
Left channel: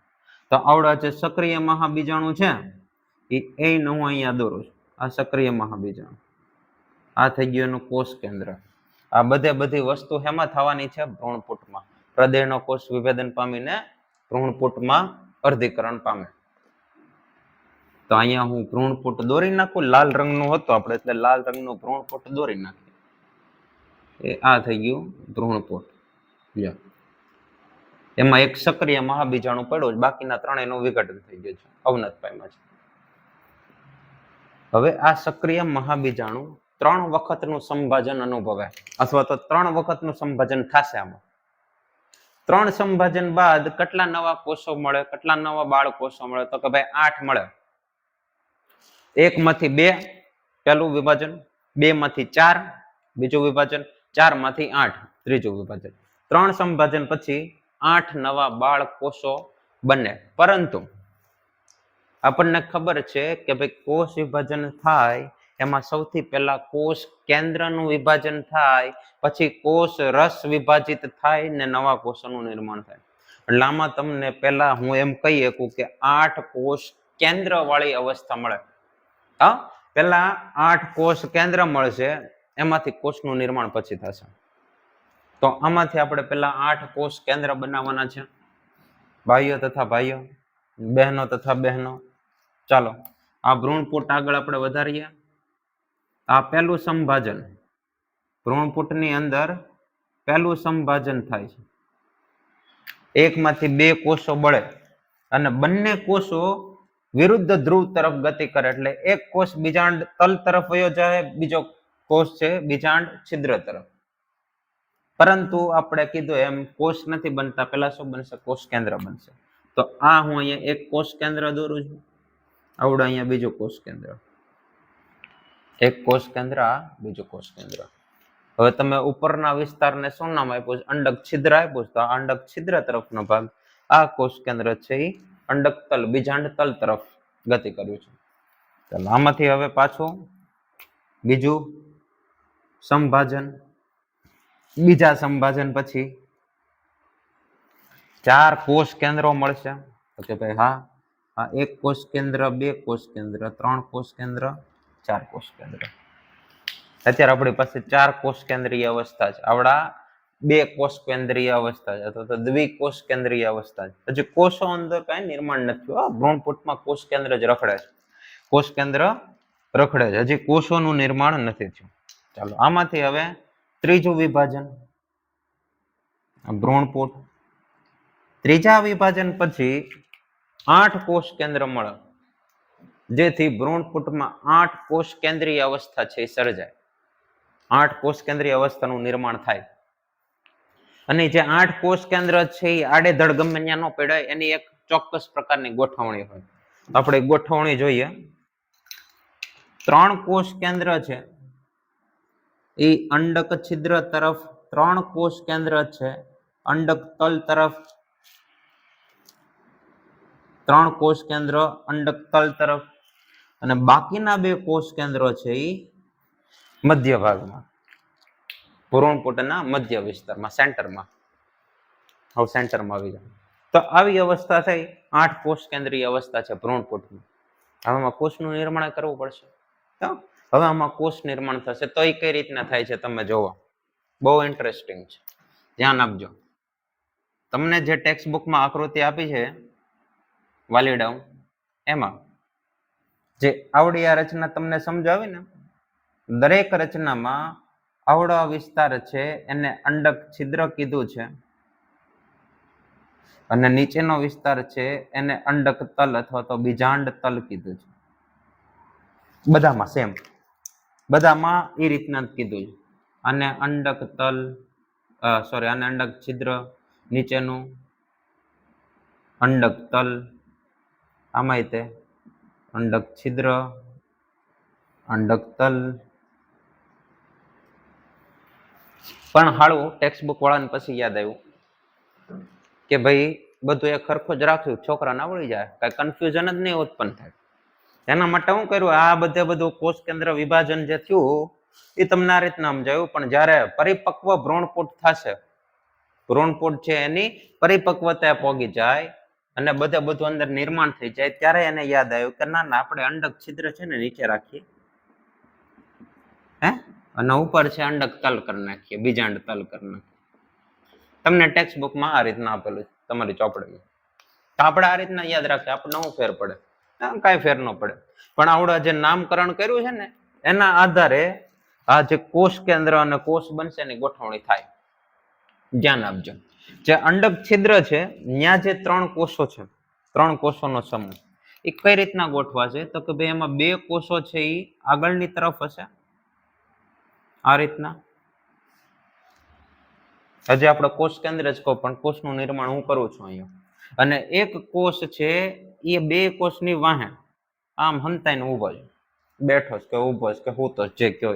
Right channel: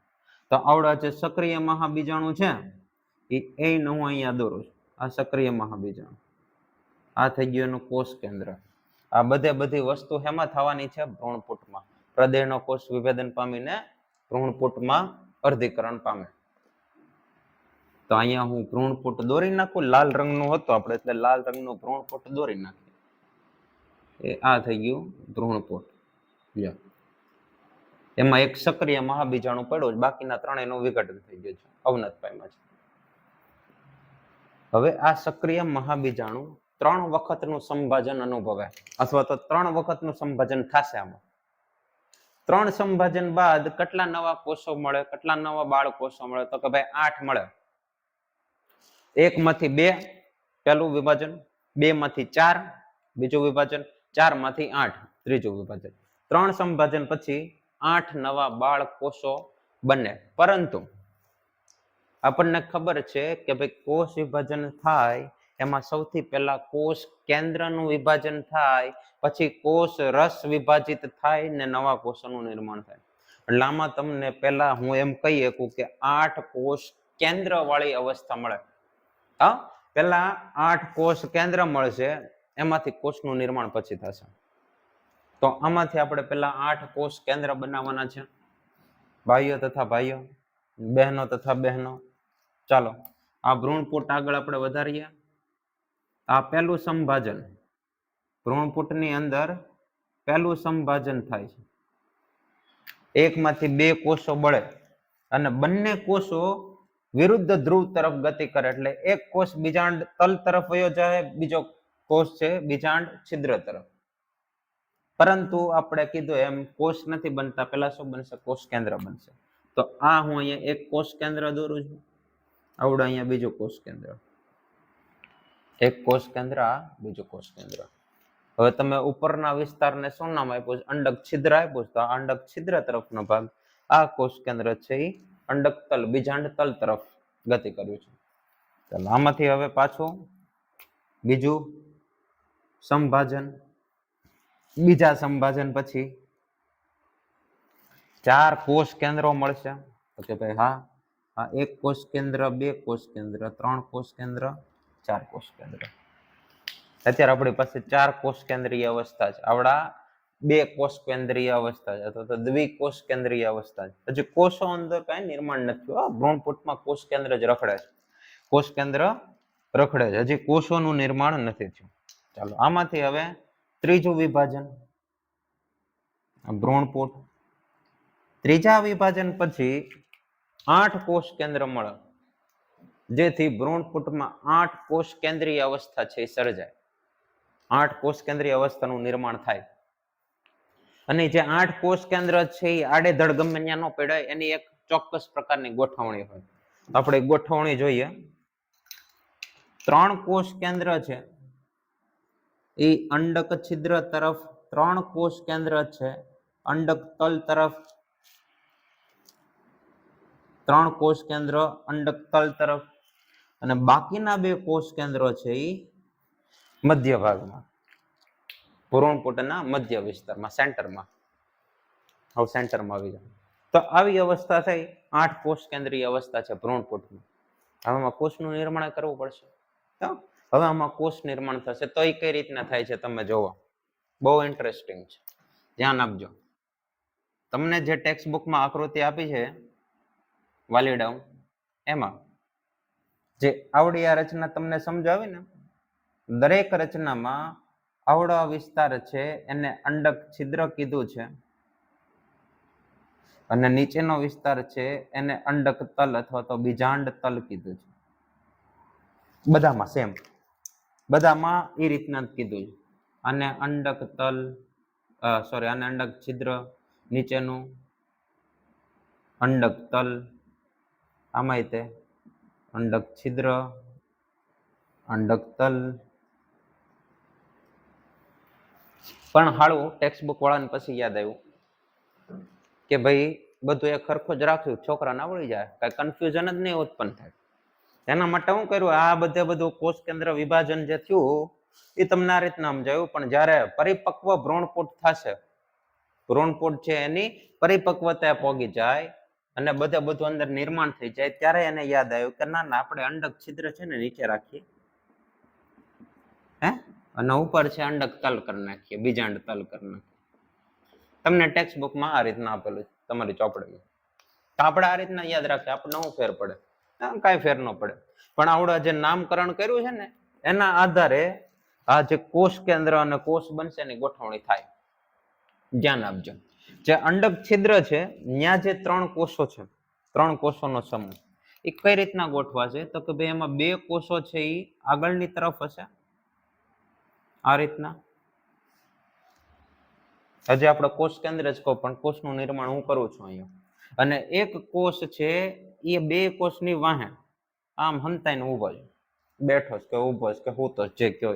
તો આવડા જે સક્રિય મહાબીજાણુ છે એ હું અહીંયા દોરું છું. આ સક્રિય મહાબીજાણુ. આ થઈ ગયું એનું કોષ કેન્દ્ર. આ બધી વસ્તુ હેમાં થવાની છે? ભ્રૂણપુટમાં. હૃદયનો કોષ વિભેદન પામીને ભ્રૂણપુટમાં અર્ધીકરણ પામે. તો અહીંયા હું ભ્રૂણપુટ દોરી નાખું. લાલ રંગનું હતું આપણે એટલે લાલ રંગનું ભ્રૂણપુટ દોરી નાખીએ. એ આ થઈ ગયું ભ્રૂણપુટ. એમાં એક સક્રિય મહાબીજાણુ પડ્યું, બાકીના 3 નું વિઘટન થઈ ગયું છે, અવનત પામ્યા છે. હવે આ સક્રિય મહાબીજાણુ 3 વખતનું સંભાજન અનુભવે, અથવા તો 3 વખતનું સંભાજન થશે. આમાં 3 સંભાજન બાદ કેટલા નવા કોષો મળે? કેટલા નવા બાળ કોષો મળે? તો કે ભાઈ 8 મળે. 1 માંથી 2 પહેલું વિભાજન, 2 માંથી 4 બીજું વિભાજન, 4 માંથી 8 ત્રીજું વિભાજન. 3 સંભાજન પછી 8 નવા બાળ કોષો બને. પરંતુ આપણને ખબર છે કે ભાઈ કોષ વિભાજન થાય એમાં સૌથી પહેલા કોષ કેન્દ્રનું વિભાજન થાય, પછી કોષ રસ વિભાજિત થાય ને નવા કોષોનું નિર્માણ થાય. એટલે આમાં તમને પહેલા હું એમ કહી શકું કે 8 કોષ કેન્દ્ર વાળી અવસ્થા મળે. હા, પહેલા 8 કોષ કેન્દ્ર મળશે, એમાંથી કોષનું નિર્માણ પછી થશે. તો આમાંથી આપણે પહેલા 8 કોષ કેન્દ્ર બનાવવાના છે. ભાઈઓ તથા ભાઈઓ, બહેનો તથા બહેનો. ચાલો આ ભ્રૂણપુટ આગળ આપણે વધારીએ. આ પહેલું સંભાજન, ભ્રૂણપુટની અંદર પહેલું સંભાજન થાય છે. 1 માંથી 2 કોષો બળે અને બંને કોષો વિરુદ્ધ ધ્રુવ તરફ ગતિ કરે. એટલે એક કોષ બીજાંડ તલ તરફ વયો જાય, બીજો કોષ છે બીજાંડ છિદ્ર તરફ. પરંતુ આપણે કીધું એમ કોષ નથી બનતા, પહેલા શું બનશે? કોષ કેન્દ્ર બનશે. તો આ હું અહીંયા એક કોષ કેન્દ્ર દોરું છું. આવડે અહીંયા બીજું કોષ કેન્દ્ર. એક કોષ કેન્દ્ર, આ બીજું કોષ કેન્દ્ર. હવે તમે ઉપરના વિસ્તારને શું નામ આપ્યું છે? અંડક છિદ્ર આપ્યું છે. તો આ અંડક છિદ્ર તરફનો ભાગ, આ કોષ કેન્દ્ર છે એ અંડક તલ, બીજાંડ તલ તરફ ગતિ કર્યું છે. ચાલો આમાંથી હવે પાછું બીજું સંભાજન. બીજા સંભાજન પછી 4 કોષ કેન્દ્રો મળશે. તો કે ભાઈ હા, આ 1 કોષ કેન્દ્ર, 2 કોષ કેન્દ્ર, 3 કોષ કેન્દ્ર, 4 કોષ કેન્દ્ર. અત્યારે આપણી પાસે 4 કોષ કેન્દ્રીય અવસ્થા છે. આવડા 2 કોષ કેન્દ્રીય અવસ્થા છે, અથવા તો દ્વિકોષ કેન્દ્રીય અવસ્થા છે. હજી કોષો અંદર કઈ નિર્માણ નથી થયું. ભ્રૂણપુટમાં કોષ કેન્દ્ર જ રખડે છે. કોષ કેન્દ્ર રખડે છે, હજી કોષોનું નિર્માણ નથી થયું. ચાલો આમાંથી હવે ત્રીજું વિભાજન, ભ્રૂણપુટ. ત્રીજા વિભાજન પછી 8 કોષ કેન્દ્ર મળે, જેથી ભ્રૂણપુટમાં 8 કોષ કેન્દ્રીય અવસ્થા છે એ સર્જાય. 8 કોષ કેન્દ્રીય અવસ્થાનું નિર્માણ થાય. અને જે 8 કોષ કેન્દ્ર છે એ આડેધડ ગમે ત્યાં ન પડાય, એની એક ચોક્કસ પ્રકારની ગોઠવણી હોય. આપણે ગોઠવણી જોઈએ. 3 કોષ કેન્દ્ર છે એ અંડક છિદ્ર તરફ, 3 કોષ કેન્દ્ર છે અંડક તલ તરફ, 3 કોષ કેન્દ્ર અંડક તલ તરફ, અને બાકીના 2 કોષ કેન્દ્રો છે એ મધ્ય ભાગમાં, ભ્રૂણપોટના મધ્ય વિસ્તારમાં, સેન્ટરમાં. હવે સેન્ટરમાં આવી જાય તો આવી અવસ્થા થઈ. 8 કોષ કેન્દ્રીય અવસ્થા છે ભ્રૂણપોટમાં. હવે આમાં કોષનું નિર્માણ કરવું પડશે. હવે આમાં કોષ નિર્માણ થશે તો એ કઈ રીતના થાય છે તમે જોવો. બહુ ઇન્ટરેસ્ટિંગ છે, ધ્યાન આપજો. તમને જે ટેક્સ્ટ બુકમાં આકૃતિ આપી છે વાલીડાઉન, એમાં જે આવડી આ રચના તમને સમજાવી ને, દરેક રચનામાં આવડો વિસ્તાર છે એને અંડક છિદ્ર કીધું છે, અને નીચેનો વિસ્તાર છે એને અંડક તલ અથવા તો બીજાંડ તલ કીધું છે. બધામાં સેમ, બધામાં એ રીતના જ કીધું છે. આને અંડક તલ, સોરી, આને અંડક છિદ્ર, નીચેનું અંડક તલ, આમાંય તે અંડક છિદ્ર, અંડક તલ. પણ હાળું ટેક્સ્ટ બુક વાળાને પછી યાદ આવ્યું કે ભાઈ બધું એક સરખું જ રાખ્યું, છોકરાને આવડી જાય, કઈ કન્ફ્યુઝન જ નહીં ઉત્પન્ન થાય. એના માટે હું કર્યું, આ બધું કોષ કેન્દ્ર વિભાજન જે થયું એ તમને આ રીતના સમજાયું. પણ જ્યારે પરિપક્વ ભ્રૂણપોટ થશે, ભ્રૂણપોટ છે એની પરિપક્વતા પોગી જાય અને બધું અંદર નિર્માણ થઈ જાય, ત્યારે એને યાદ આવ્યું કે ના આપણે અંડક છિદ્ર છે ને નીચે રાખીએ, હે, અને ઉપર છે અંડક તલ કરી નાખીએ, બીજાંડ તલ કરી નાખીએ. તમને ટેક્સ્ટ બુકમાં આ રીતના આપેલું છે તમારી ચોપડીમાં. તો આપણે આ રીતના યાદ રાખીએ, આપણને શું ફેર પડે? કાંઈ ફેર ન પડે. પણ આવડા જે નામકરણ કર્યું છે ને એના આધારે આ જે કોષ કેન્દ્ર અને કોષ બનશે એની ગોઠવણી થાય. ધ્યાન આપજો. જે અંડક છિદ્ર છે ત્યાં જે 3 કોષો છે, 3 કોષોનો સમૂહ, એ કઈ રીતના ગોઠવા છે? તો કે ભાઈ એમાં 2 કોષો છે એ આગળની તરફ હશે, આ રીતના. હજી આપણે કોષ કેન્દ્ર જ કહો, પણ કોષનું નિર્માણ હું કરું છું અહીંયા. અને એક કોષ છે એ 2 કોષની વાહે આમ હંતાઈને ઊભો છે, બેઠો છે કે ઊભો છે કે સૂતો છે, જે કયો.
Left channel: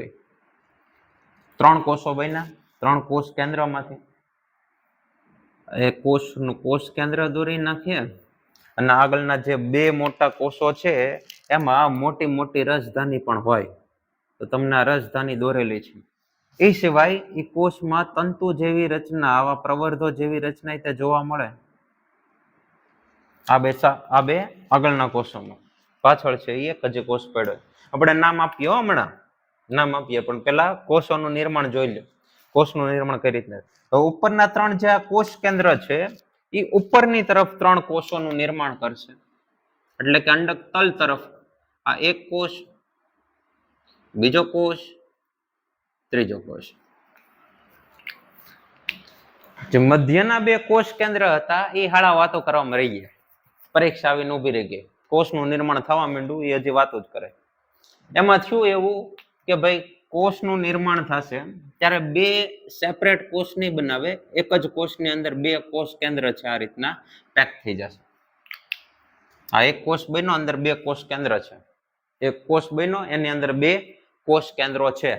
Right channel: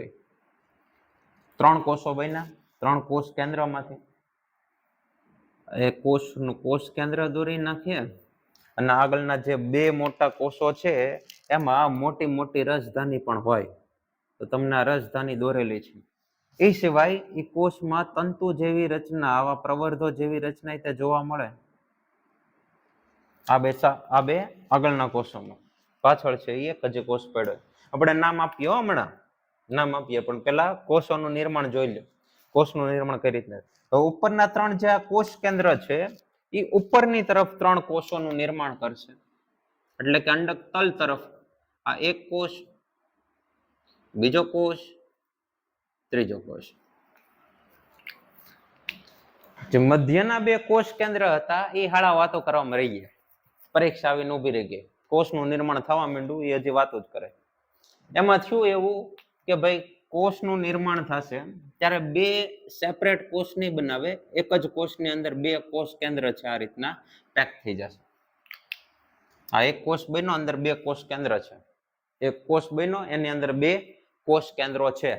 3 કોષો બન્યા, 3 કોષ કેન્દ્રમાંથી. એ કોષનું કોષ કેન્દ્ર દોરી નાખીએ અને આગળના જે 2 મોટા કોષો છે એમાં મોટી મોટી રસધાની પણ હોય, તો તમને આ રસધાની દોરેલી છે. એ સિવાય એ કોષમાં તંતુ જેવી રચના, આવા પ્રવર્ધો જેવી રચના તે જોવા મળે. આ બે આગળના કોષોમાં, પાછળ છે એ એક જ કોષ પડ્યો. આપણે નામ આપીએ હમણાં, નામ આપીએ, પણ પેલા કોષોનું નિર્માણ જોઈ લો. કોષનું નિર્માણ કઈ રીતના. હવે ઉપરના 3 જે આ કોષ કેન્દ્ર છે એ ઉપરની તરફ 3 કોષોનું નિર્માણ કરશે. એટલે કે અંડક તલ તરફ આ એક કોષ, બીજો કોષ, ત્રીજો કોષ. જે મધ્યના 2 કોષ કેન્દ્ર હતા એ હાળા વાતો કરવામાં રહી ગયા. પરીક્ષા આવીને ઉભી રહી ગઈ, કોષનું નિર્માણ થવા માંડ્યું, એ હજી વાતો જ કરે. એમાં થયું એવું કે ભાઈ કોષનું નિર્માણ થશે ત્યારે 2 સેપરેટ કોષ નહીં બનાવે, એક જ કોષની અંદર 2 કોષ કેન્દ્ર છે આ રીતના પેક થઈ જશે. આ એક કોષ બન્યો, અંદર 2 કોષ કેન્દ્ર છે. એક કોષ બન્યો, એની અંદર 2 કોષ કેન્દ્રો છે.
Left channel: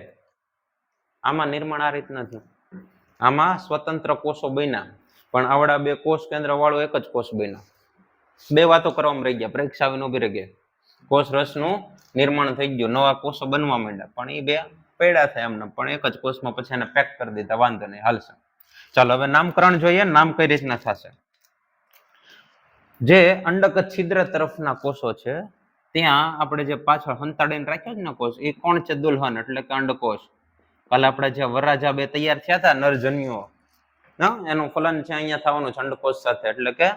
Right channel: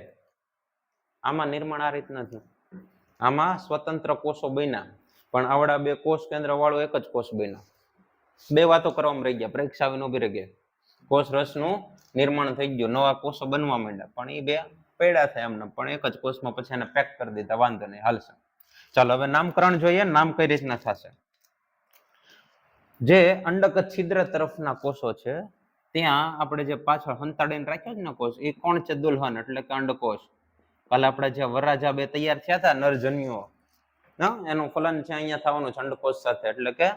આમાં નિર્માણ આ રીતના થયું. આમાં સ્વતંત્ર કોષો બન્યા, પણ આવડા 2 કોષ કેન્દ્ર વાળો એક જ કોષ બન્યો. 2 વાતો કરવામાં રહી ગયા, પરીક્ષા આવીને ઉભી રહી ગઈ. કોષ રસનું નિર્માણ થઈ ગયું, નવા કોષો બનવા માંડ્યા, પણ એ 2 પૈડા થાય એમને, પણ એક જ કોષમાં પછી એને પેક કરી દીધા, વાંધો નહીં, હાલશે. ચાલો હવે નામકરણ જોઈએ, નામ કઈ રીતના થશે. જે અંડક છિદ્ર તરફના કોષો છે ત્યાં આપણે જે પાછળ હંતાડીને રાખ્યો છે ને કોષ, એ કોણ છે? દુલ્હન, એટલે કે અંડકોષ. કાલે આપણે જે વરરાજા 2 તૈયાર થયા હતા નરજન્યુઓ, એનું ફલન છે અહીંયા થવાનું છે અંડકોષ સાથે, એટલે કે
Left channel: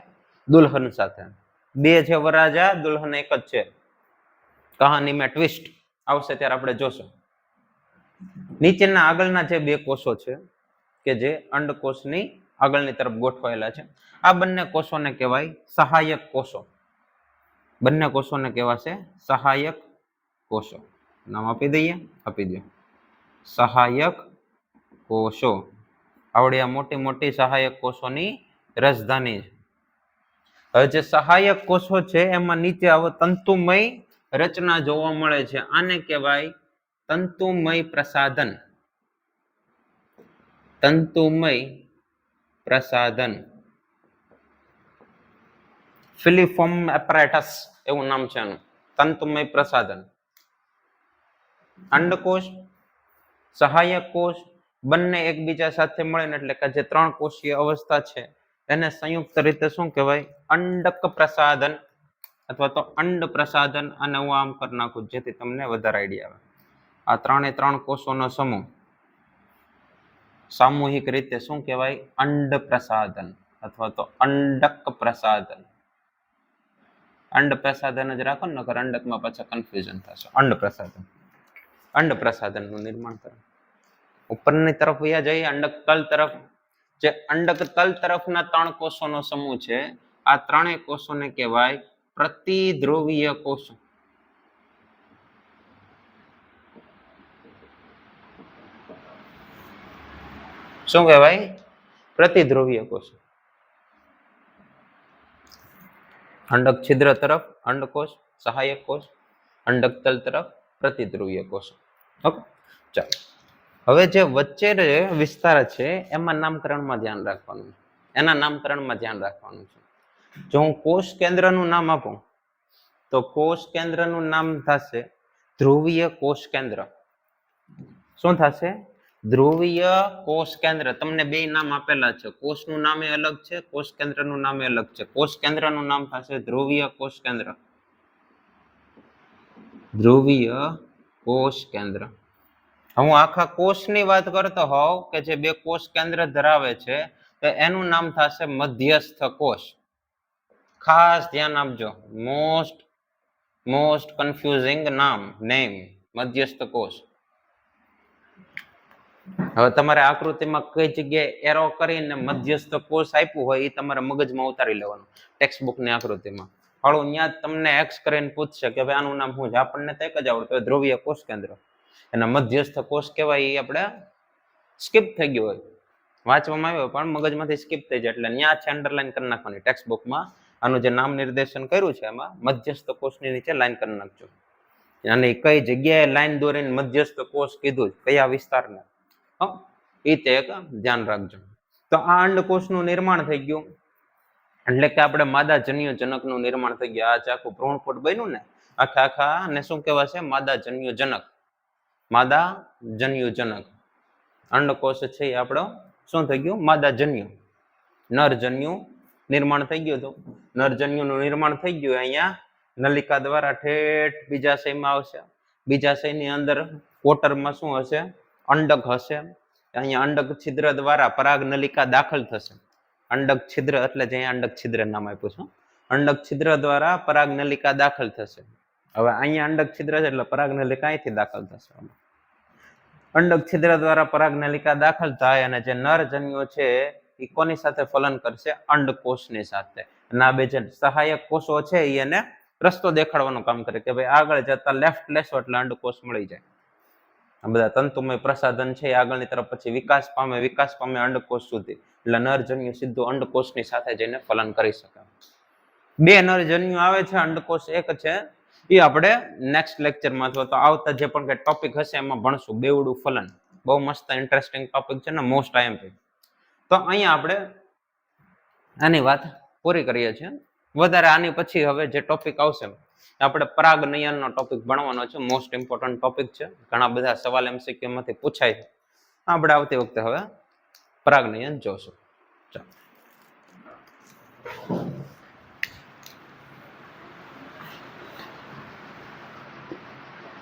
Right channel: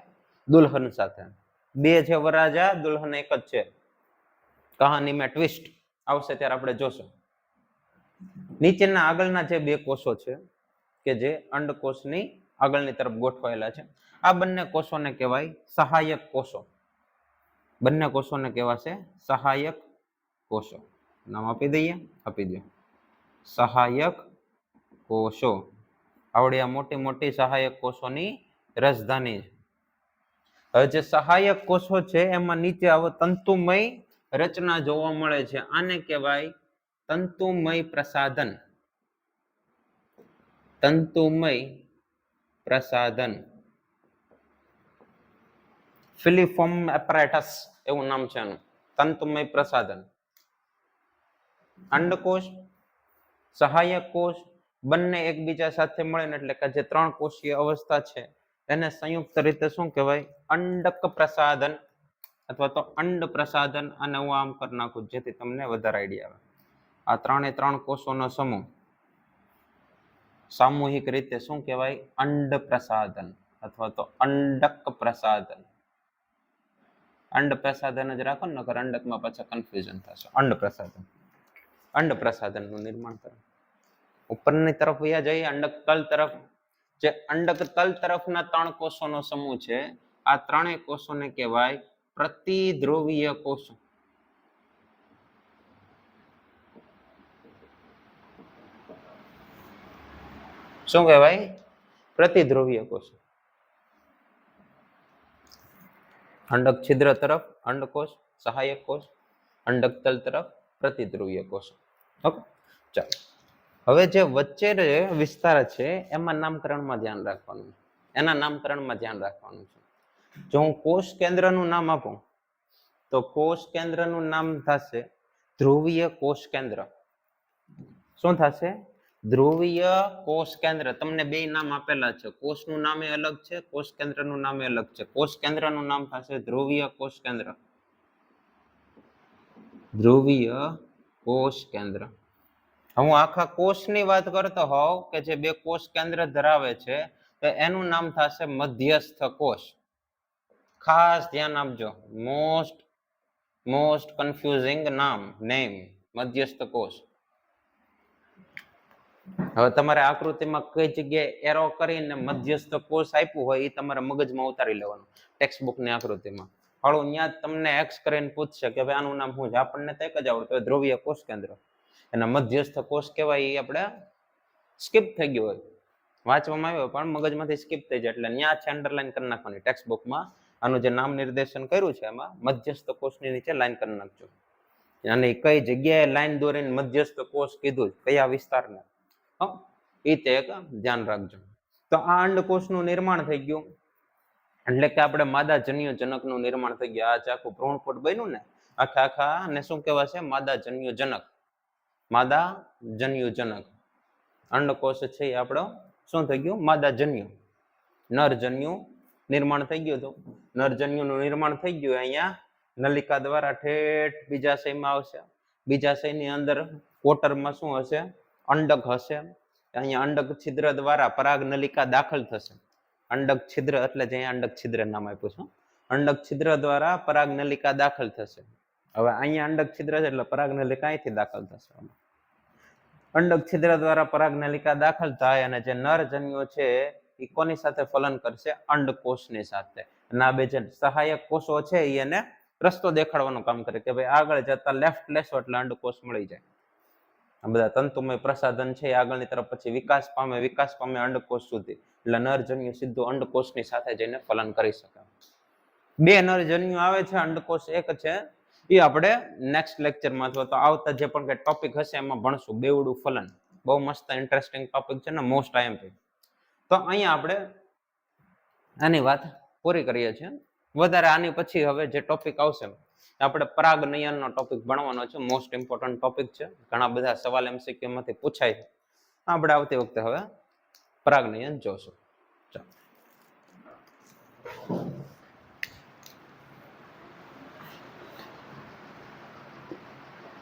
દુલ્હન સાથે. 2 છે વરરાજા, દુલ્હન એક જ છે. કહાનીમાં ટ્વિસ્ટ આવશે ત્યારે આપણે જોશું. નીચેના આગળના જે 2 કોષો છે કે જે અંડકોષની આગળની તરફ ગોઠવાયેલા છે, આ બંને કોષોને કહેવાય સહાયક કોષો. બંને કોષોને કહેવાશે સહાયક કોષો. નામ આપી દઈએ, આપી દો. સહાયક કોષો. આવડી આ મોટી મોટી સહાયક કોષોની રાજધાની. હવે જે સહાયક કોષો છે એમાં નીચે આવો તંતુમય રચના જોવા મળે છે. આને કહેવાય તંતુમય પ્રસાધન. તંતુમય પ્રસાધન. ફિલિફોર્મ એપરેટસ એવું નામ છે એનું. તંતુમય પ્રસાધન. અંડકોષ, સહાયક કોષ બંને એકબીજા સાથે મળીને એટલે કે જે 3 કોષીય અવસ્થા છે એને સંયુક્ત રીતે શું કહેવાય? અંડક પ્રસાધન અથવા તો અંડ પ્રસાધન. અને હું આમ કરી નાખું જેથી તમને વધારે આઈડિયા આવે. આ 3 કોષોનો સમૂહ સામૂહિક રીતે શું કહેવાય? અંડ પ્રસાધન અથવા તો અંડક પ્રસાધન. અંડ પ્રસાધન જ રાખો ને, નકર અંડકમાં પાછા કન્ફ્યુઝન થશે. અંડ પ્રસાધન. અંડ પ્રસાધનનું નિર્માણ કરે. ઉપરની તરફ વયા જઈએ અંડક તલ તરફ. જે અંડક તલ તરફના 3 કોષોનો સમૂહ છે આ 3 કોષોને કહેવાય પ્રતિધ્રુવીય કોષો. શું કહેવાય? પ્રતિધ્રુવીય કોષો. અંડક છિદ્ર તરફ અંડકોષ, સહાયક કોષ. અંડક તલ તરફ પ્રતિધ્રુવીય કોષો. ઓકે, ચાલો. હવે જે વચ્ચે વિસ્તાર છે એમાં નામકરણમાં ધ્યાન રાખવાનું. એના નામકરણમાં ધ્યાન રાખવાનું છે. જો હું કોષ કેન્દ્રનું નામ આપું તો કોષ કેન્દ્રનું નામ થશે ધ્રુવીય કોષ કેન્દ્ર. શું થશે? ધ્રુવીય કોષ કેન્દ્ર. તમને 2 નામ આપેલા છે. કોષનું નામે અલગ છે, કોષ કેન્દ્રનું નામે અલગ છે. કોષ કેન્દ્રનું નામ થશે ધ્રુવીય કોષ કેન્દ્ર. ધ્રુવીય કોષ કેન્દ્ર. હું આખા કોષની વાત કરતો હોઉં કે જે 2 કોષ કેન્દ્ર ધરાવે છે તો એનું નામ થશે મધ્યસ્થ કોષ. ખાસ ધ્યાન આપજો. મોસ્ટ કન્ફ્યુઝિંગ નેમ મધ્યસ્થ કોષ. હવે તમારે આકૃતિમાં કઈ જગ્યાએ એરો કરીને મધ્યસ્થ કોષ આપ્યું હોય એ તમારે મગજમાં ઉતારી લેવાનું. ટેક્સ્ટ બુકની આકૃતિમાં હાળું ત્યાં તમને એક્સ કરીને પૂછશે કે ભાઈ આનું નામ શું છે. આપણને તો એક જ આવડતું ધ્રુવીય કોષ કેન્દ્ર. એના મધ્યસ્થ કોષ કહેવાય એ આપણે સ્કીપ થઈ ગયું હોય, વાંચવામાં આવ્યો પણ મગજમાંથી સ્કીપ થઈ જાય એટલે ત્યાં છે અંડરલાઈન કરી નાખવાની. ટેક્સ્ટ બુકમાં આનું જે નામ નિર્દેશન કર્યું છે એમાં મધ્યસ્થ કોષની નીચે લાઈન કરી નાખજો. અને કઈ જગ્યાએ લાઈન દોરીને મધ્યસ્થ કોષ કીધું, કયા વિસ્તારને, એ તે એક ધ્યાન રાખજો. તો આ અંડકોષનું નિર્માણ થઈ ગયું એટલે કે આપણે માદા જન્યુ જનકનું નિર્માણ થઈ ગયું. આ આખું ભ્રૂણપોટ બન્યું ને આખા ને શું કહેવાશે? માદા જન્યુ જનક. માદા જન્યુ જનક અંડકોષ છે એ આપણો શું થઈ ગયું? માદા જન્યુ. નરજન્યુ નિર્માણ થઈ ગયું હતું. નરજન્યુનું નિર્માણ થઈ ગયું અહીંયા નલિકા દ્વારા ઠેઠ બીજાશયમાં આવશે. બીજાશયની અંદર કોટરમાં શું હશે? અંડક હશે. અહીંયા અંડક છિદ્ર દ્વારા પરાગ નલિકા દાખલ થશે. અંડક છિદ્ર એટલે જે અંડક છિદ્ર નામ આપ્યું છે. અંડક છિદ્ર દ્વારા પરાગ નલિકા દાખલ થશે. હવે અહીંયા અંડક છિદ્ર છે એટલે પરાગ નલિકા અહીંથી દાખલ થશે. અંડક છિદ્ર દ્વારા પરાગ નલિકા દાખલ થાય અને જે નરજન્યુ છે એ કોની સાથે ફલન કરશે? અંડકોષની સાથે. અને આ 2 જે સહાયક કોષો છે એ એને રસ્તો દેખાડવાનું કામ કરે કે ભાઈ આગળ જતા લેફ્ટ લેશો એટલે અંડકોષ મળી જાય. આ બધા તંતુમય પ્રસાધન છે આગળની તરફ પછી વિકાસ પામે અંડકોષ સુધી. એટલે નરજન્યુ સીધું અંડકોષની સાથે જઈને ફલન કરી શકે. 2 નરજન્યુ આવે છે, અંડકોષ એક છે. એ આપણે નેક્સ્ટ લેક્ચરમાં અથવા તો આવતા જે પણ કઈ ટોપિક હશે એમાં ભણશું. બેવડું ફલન બહુ મસ્ત ઇન્ટરેસ્ટિંગ ટોપિક છે ને, મોસ્ટ આઈએમપી. તો અહીંયા આપણે આની વાત પૂરી કરીએ છીએ. વધારે આની પછી હવે જે ટોપિક આવશે આપણે પરાગનયનનો ટોપિક ભણવાનો છે. મોસ્ટ ઇમ્પોર્ટન્ટ ટોપિક છે. ઘણા બધા સવાલ એમસીક્યુ માંથી પૂછાય છે. આપણે આવતી વખતે હવે પરાગનયન જોશું. ચાલો.